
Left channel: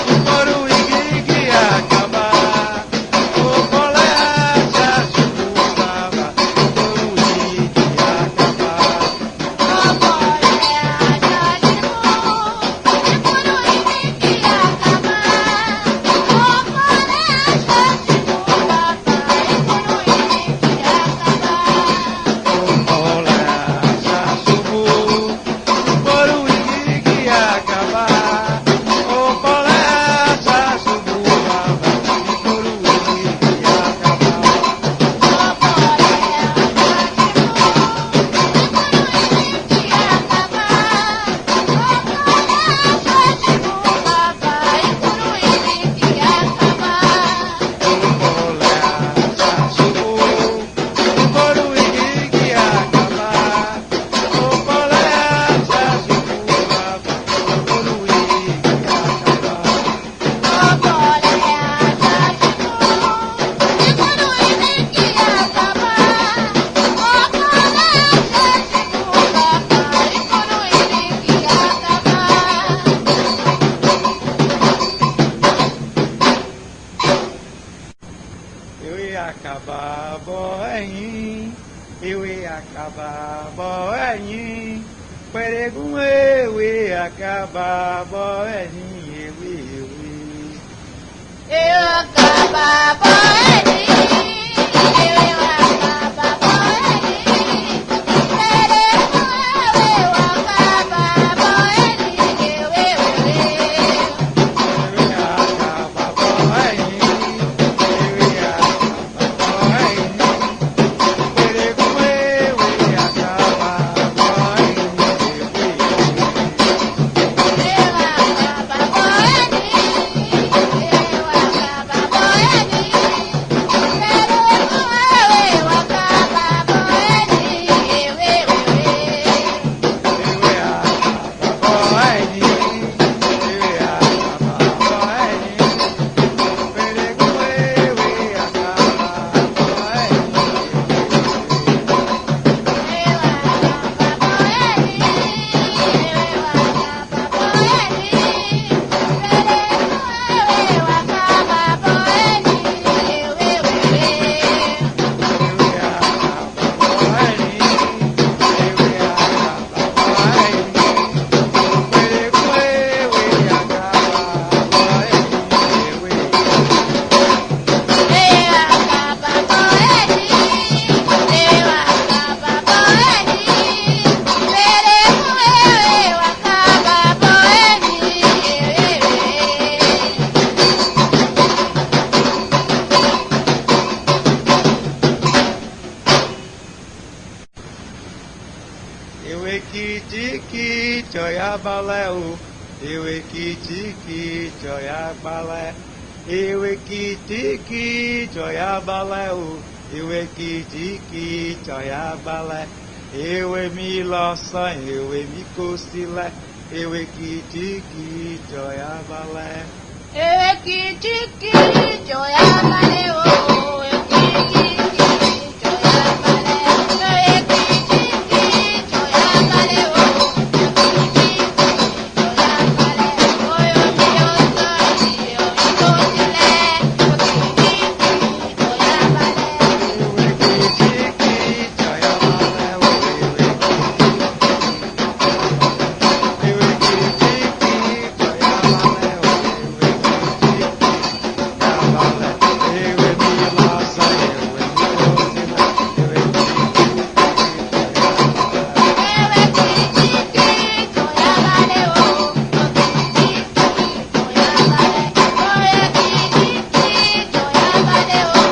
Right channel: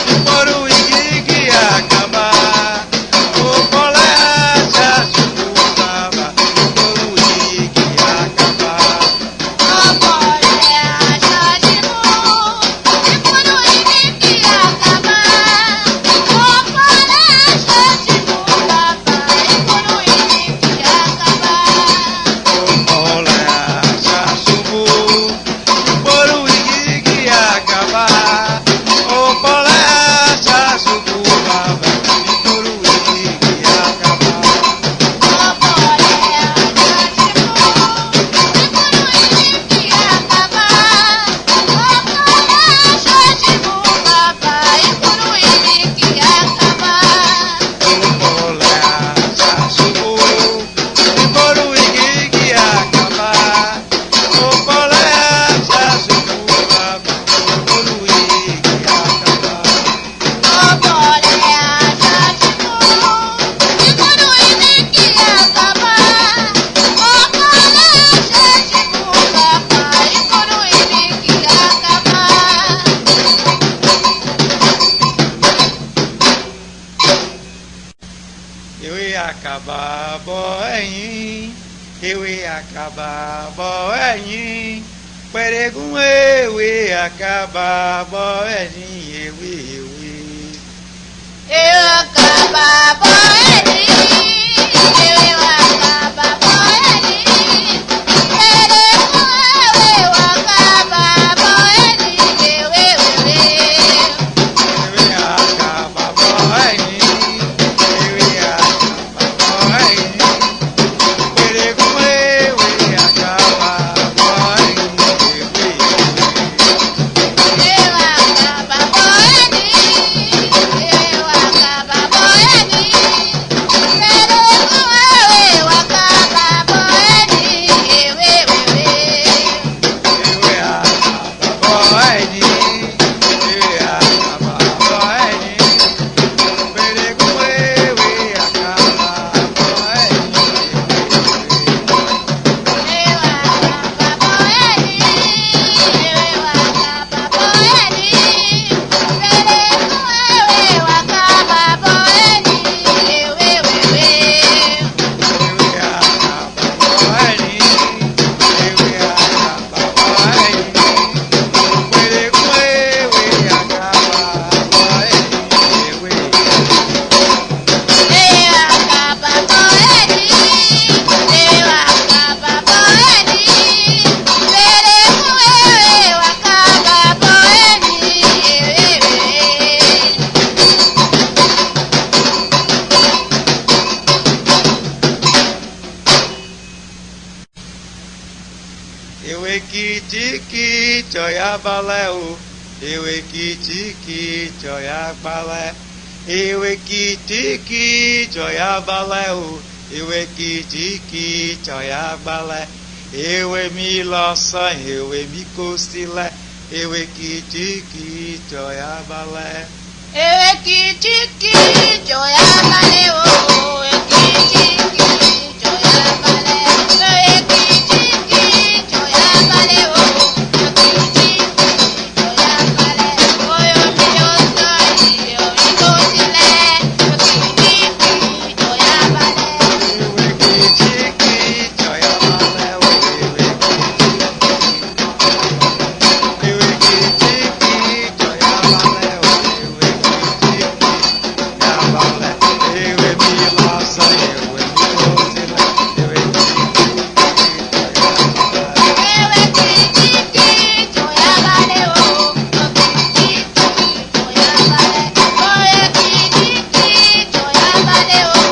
nígboro igi àkàbà. Ọ̀pọ̀lẹ̀ àṣà ṣubú bàbà nígboro igi àkàbà. Ọ̀pọ̀lẹ̀ àṣà ṣubú nígboro igi àkàbà. ewé àkàbà bọ́ ẹ̀yìn ewé àkàbà bọ́ ẹ̀yìn pẹ̀rẹ̀gùn ewé àkàbà bọ́ ẹ̀yìn ewé ewé. ewé àkàbà bọ́ ẹ̀yìn ewé àkàbà bọ́ ẹ̀yìn pẹ̀rẹ̀gùn ewé àkàbà bọ́ ẹ̀yìn ewé ewé. ewé àkàbà bọ́ ẹ̀yìn ewé àkàbà bọ́ ẹ̀yìn pẹ̀rẹ̀gùn ewé àkàbà bọ́ ẹ̀yìn ewé ewé. ewé àkàbà bọ́ ẹ̀yìn ewé àkàbà bọ́ ẹ̀yìn pẹ̀rẹ̀gùn ewé àkàbà bọ́ ẹ̀yìn ewé ewé. ewé àkàbà bọ́ ẹ̀yìn ewé àkàbà bọ́ ẹ̀yìn pẹ̀rẹ̀gùn ewé àkàbà bọ́ ẹ̀yìn ewé kìtìkì jọ̀yà balẹ̀ o ewé kìtìkì jọ̀yà balẹ̀ ewé kìtìkì jọ̀yà balẹ̀ o ewé kìtìkì jọ̀yà balẹ̀ ewé mi lọ́sàn ewé mi kò sílẹ̀ ewé kìtìkì jọ̀yà balẹ̀. ewé kìtìkì jọ̀yà balẹ̀ o ewé kìtìkì jọ̀yà balẹ̀ ewé kìtìkì jọ̀yà balẹ̀ o ewé kìtìkì jọ̀yà balẹ̀ oyè mi yóò sọ iye omi tó sílẹ̀ ewé kìtìkì jọ̀yà balẹ̀. ewé kìtìkì jọ̀yà balẹ̀ o ewé kìtìkì jọ̀yà balẹ̀ o ewé kìtìkì jọ̀yà balẹ̀ ewé mi lọ́sàn ewé mi kò sílẹ̀ ewé kìtìkì jọ̀yà balẹ̀. ewé kìtìkì jọ̀yà balẹ̀ o ewé kìtìkì jọ̀yà balẹ̀ oyè kìtìkì jọ̀yà balẹ̀ o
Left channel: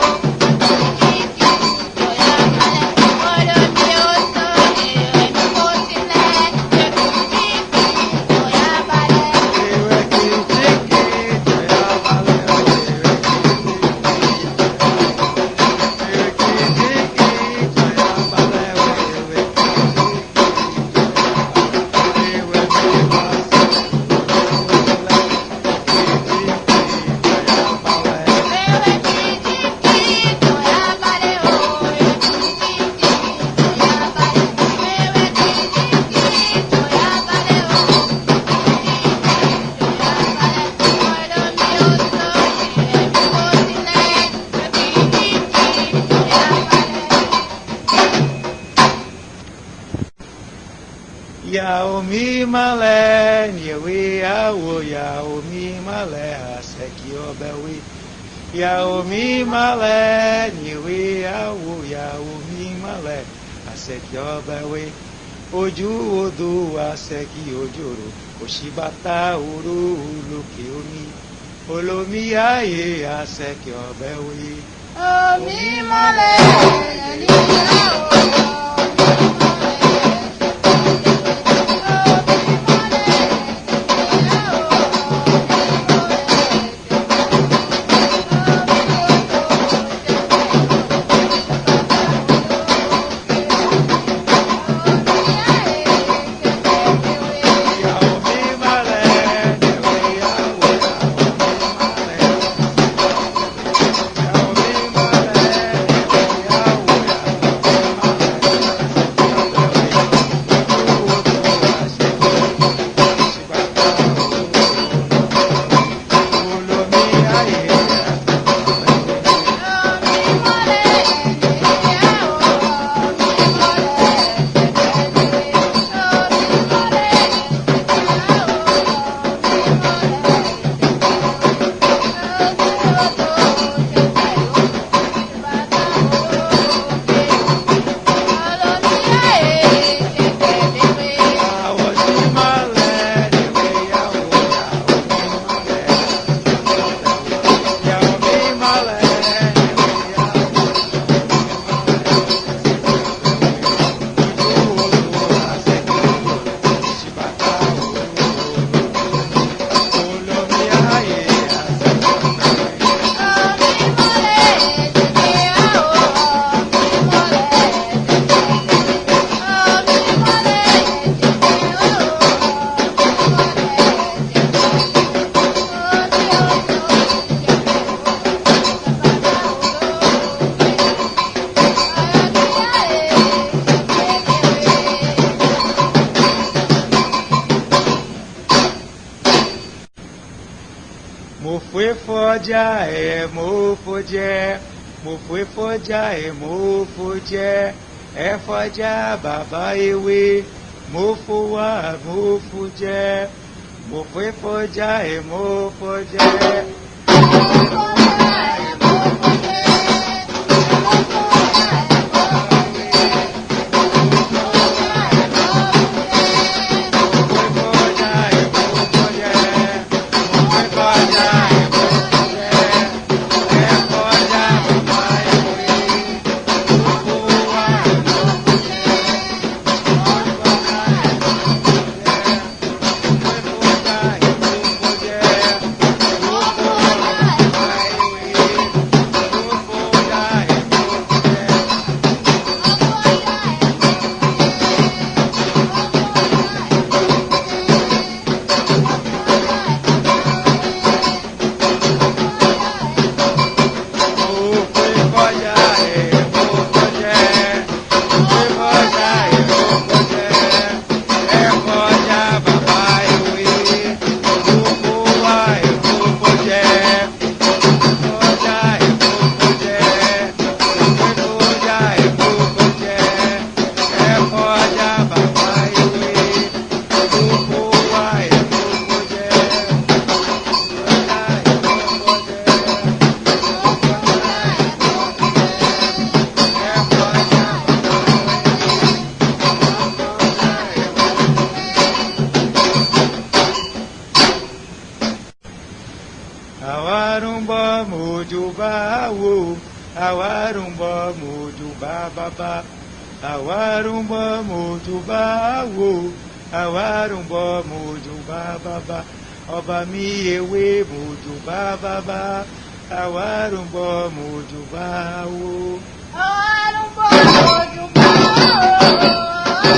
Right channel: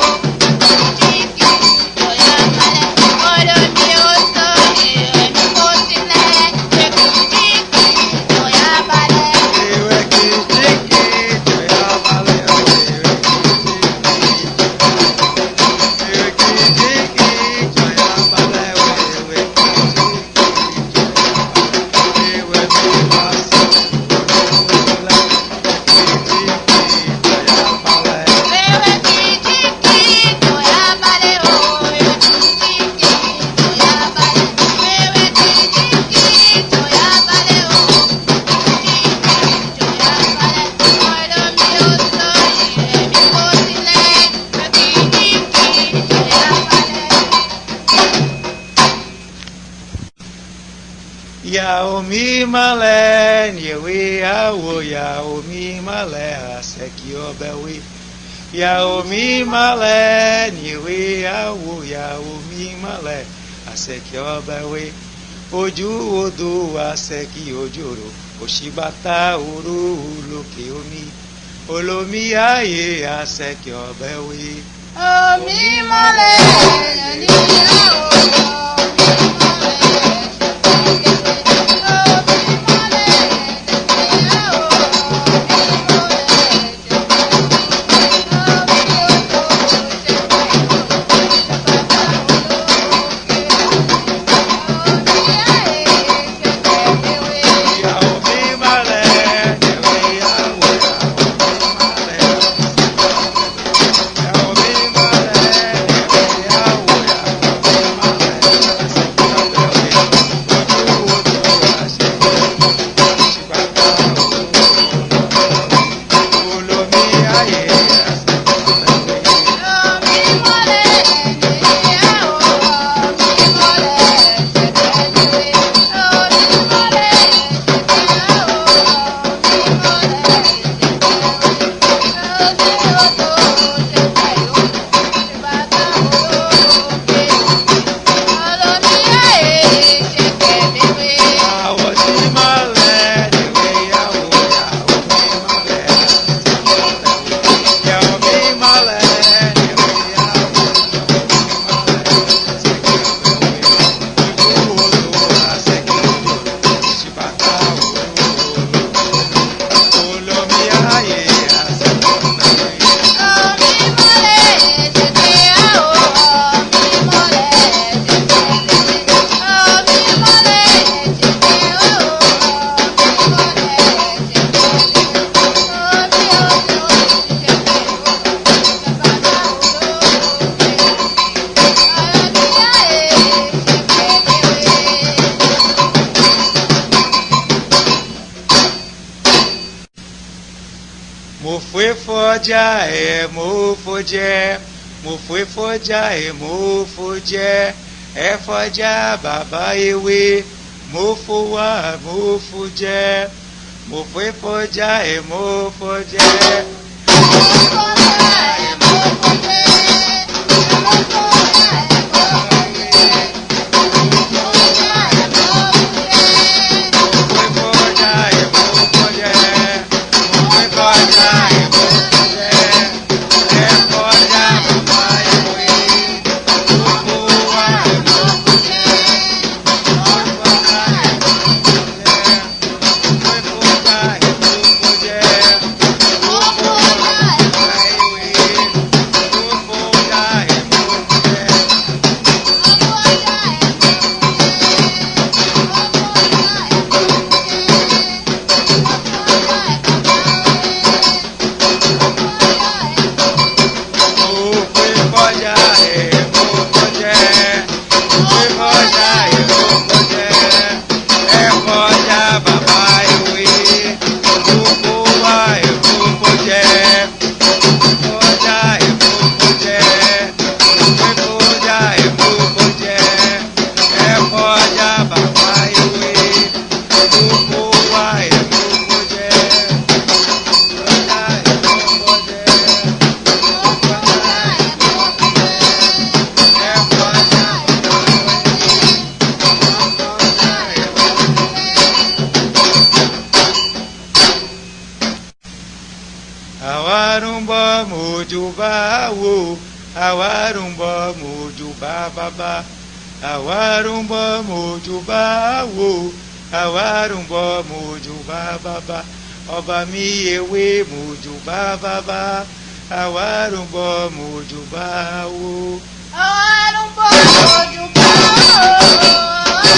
ewé kìtìkì jọ̀yà balẹ̀ oyè mi yóò sọ iye omi tó sílẹ̀ ewé kìtìkì jọ̀yà balẹ̀. ewé kìtìkì jọ̀yà balẹ̀ o ewé kìtìkì jọ̀yà balẹ̀ o ewé Yàwó mi malẹ̀ nyèwé àwò yàwó mi malẹ̀ àsẹ̀kì ọbẹ̀ wé. Yàwó mi malẹ̀ nyèwé àwò yàwó mi malẹ̀ àsẹ̀kì ọbẹ̀ wé. Ojú odò àsẹ̀kì ojòrò òṣìbàtà òru lókè omi. Olómi ayé àsẹ̀kì ọbẹ̀ wé. Omi mọ́lẹ̀ ní ìyàwó. Yàwó mi malẹ̀ nyèwé àwò yàwó mi malẹ̀. Yàwó mi malẹ̀ nyèwé àwò yàwó mi malẹ̀. fọjá ẹ̀ mo fò jẹ mo fọjá ẹ̀ mo fò jẹ ẹ fọjá bàbá ewé mo fò wá mo fò jẹ mo fọjá ẹ̀ mo fò jẹ. Àwárùnbọ̀ mojúbà wò àwárùnbọ̀ mojúbà bàbá àwárùnbọ̀ mojúbà wò àwárùnbọ̀ mojúbà bàbá ọba mi ewé mojúbà bàbá àwárùnbọ̀ mojúbà wò. Àwárùnbọ̀ mojúbà wò.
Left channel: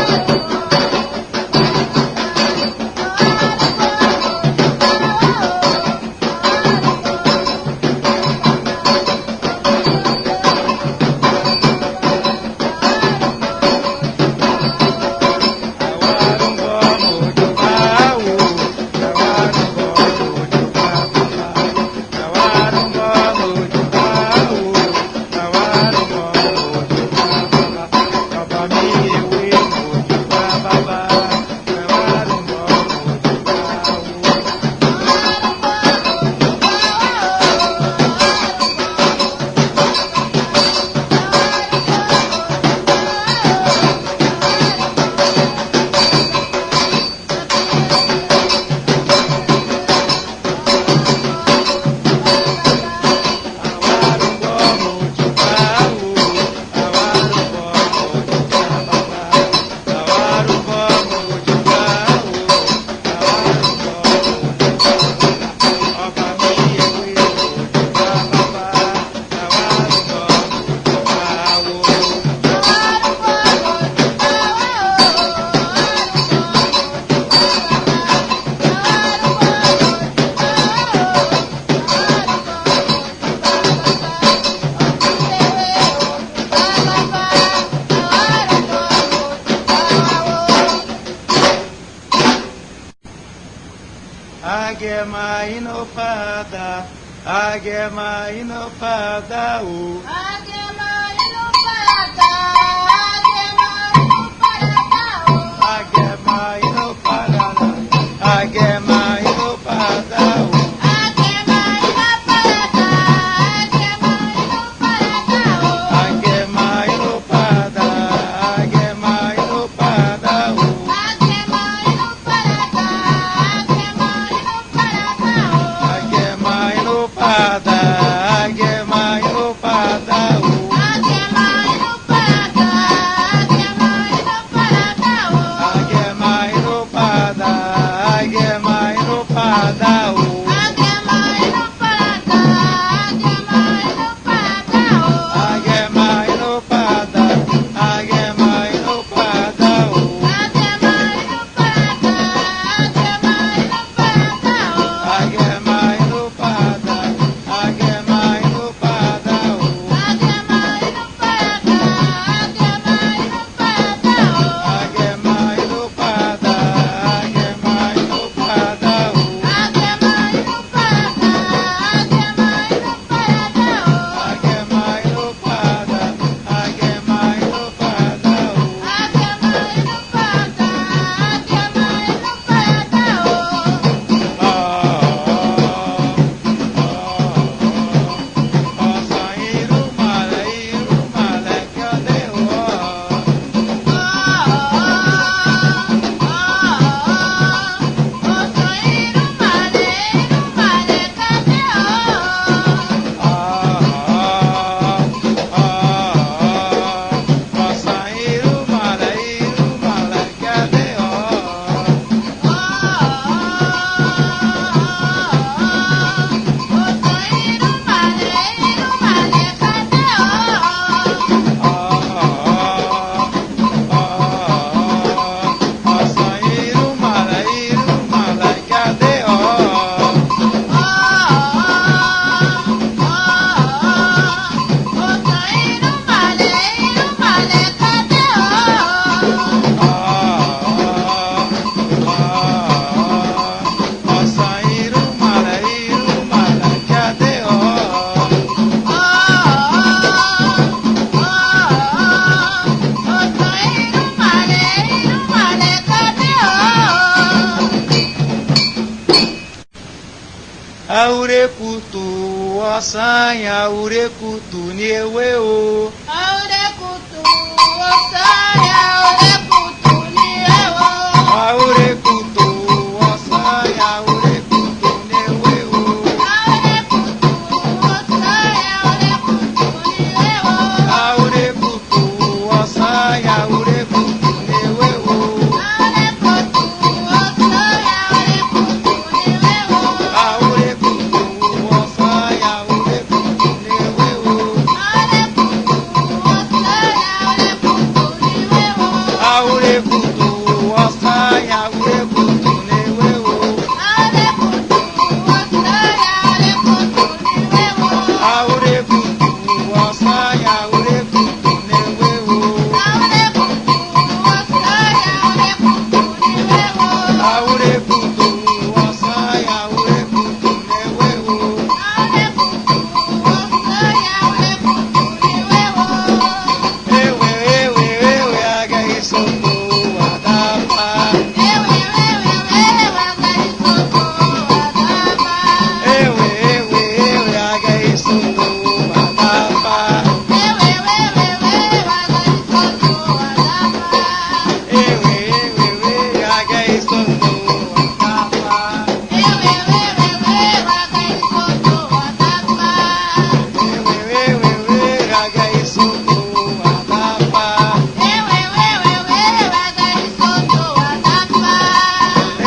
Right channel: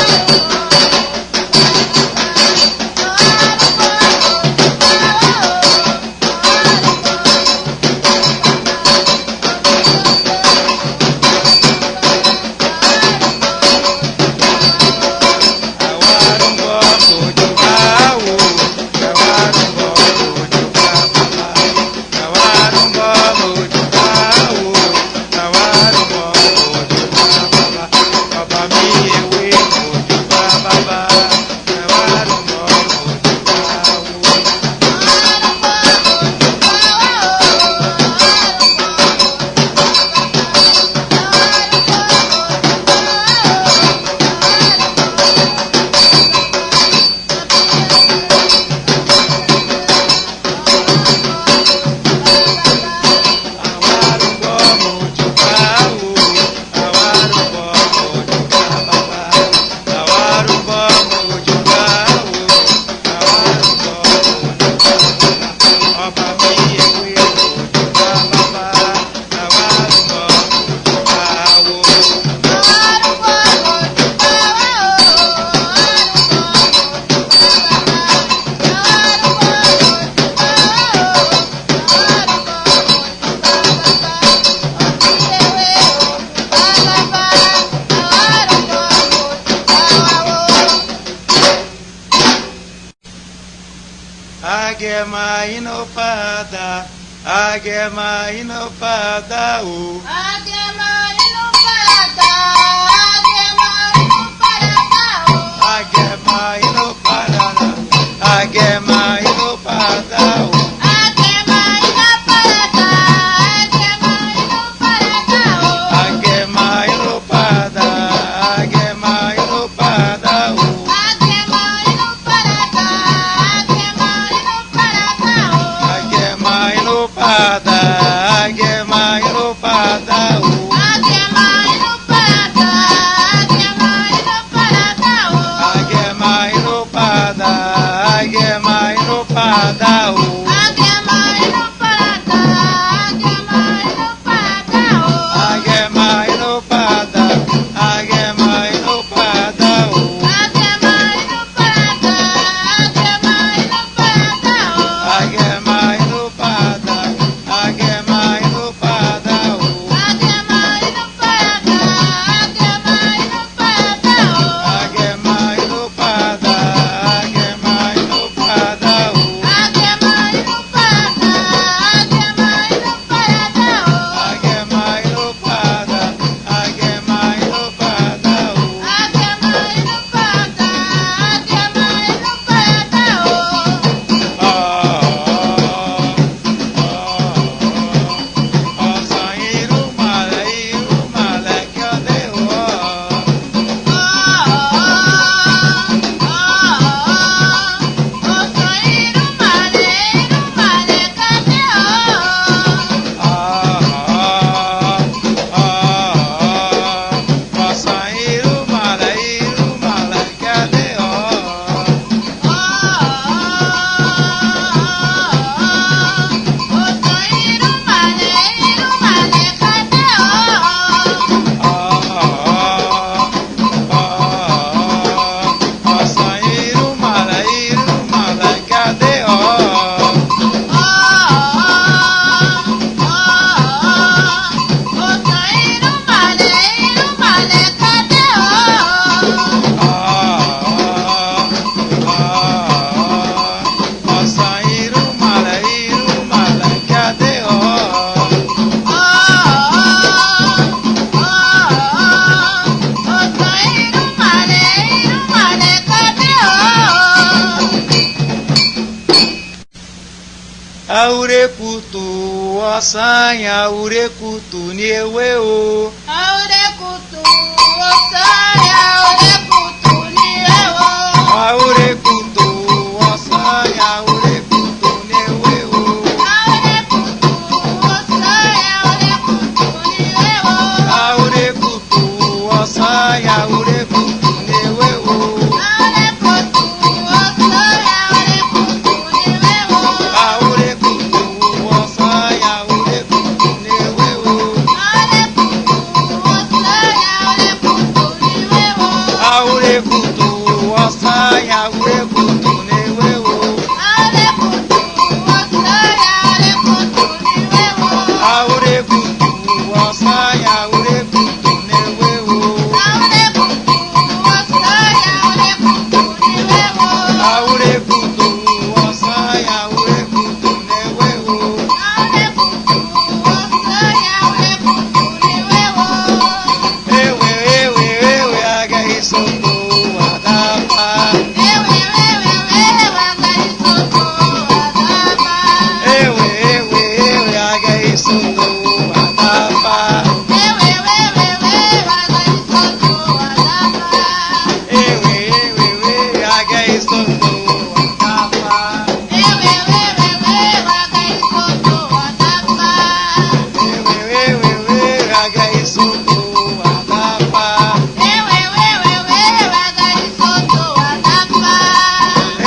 Agema ino pada, agema ino pada o. Agema ino pada, agema ino pada o. Agema ino pada, agema ino pada o. Agema ino pada, agema ino pada o. Agema ino pada, agema ino pada o. Agema ino pada, agema ino pada o. Agema ino pada, agema ino pada o. ọ̀sán yàwúrẹ́ kùtù ní ewé o. Aurekutu, osaya, aurekutu, nirewo. Àwúrẹ́ kùtù ọ̀sán yàwúrẹ́ kùtù ní ewé o. Aurekutu, osaya, aurekutu, nirewo. Àwúrẹ́ kùtù ọ̀sán yàwúrẹ́ kùtù ní ewé o. Aurekutu, osaya, aurekutu, nirewo. Àwúrẹ́ kùtù ọ̀sán yàwúrẹ́ kùtù ní ewé o. Aurekutu, osaya, aurekutu, nirewo. Àwúrẹ́ kùtù ọ̀sán yàwúrẹ́ kùtù ní ewé o. Aurekutu, osaya, aurekutu, nirewo. Àwúrẹ́ kùtù ọ̀sán yàwúrẹ́ kùtù ní ewé o. Aurekutu, osaya, aurekutu, nirewo. Àwúrẹ́ kùtù ọ̀sán yàwúrẹ́ kùtù ní ewé o. Ewe ewe ewe aga isoko adapa. Ewe ewe ewe aga isoko adapa. Ewe ewe ewe aga isoko adapa. Ewe ewe ewe aga isoko adapa.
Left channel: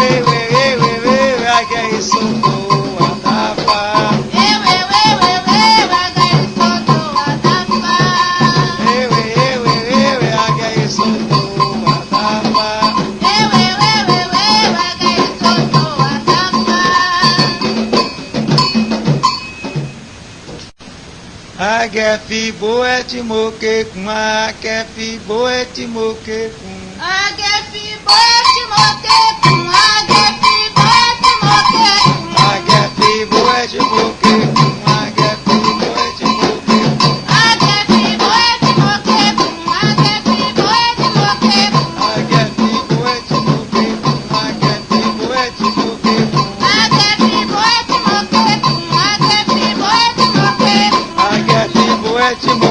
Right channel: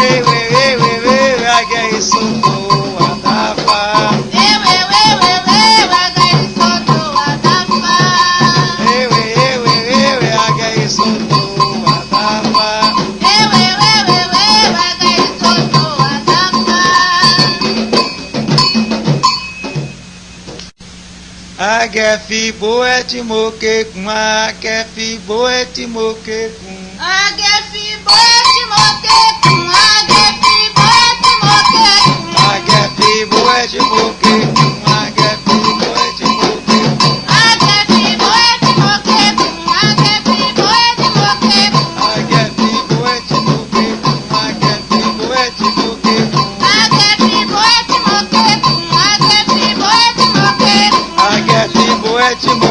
Ewe ewe ewe aga isoko adapa. Ewe ewe ewe aga isoko adapa. Agẹ̀fì bó ẹ tí mo ké kun, agẹ̀fì bó ẹ tí mo ké kun. Agẹ̀fì bó ẹ tí mo ké kun. Agẹ̀fì bó ẹ tí mo ké kun. Agẹ̀fì bó ẹ tí mo ké kun. Agẹ̀fì bó ẹ tí mo ké kun. Agẹ̀fì bó ẹ tí mo ké kun. Agẹ̀fì bó ẹ tí mo ké kun. Agẹ̀fì bó ẹ tí mo ké kun. Agẹ̀fì bó ẹ tí mo ké kun. Agẹ̀fì bó ẹ tí mo ké kun. Agẹ̀fì bó ẹ tí mo ké kun. Agẹ̀fì bó ẹ tí mo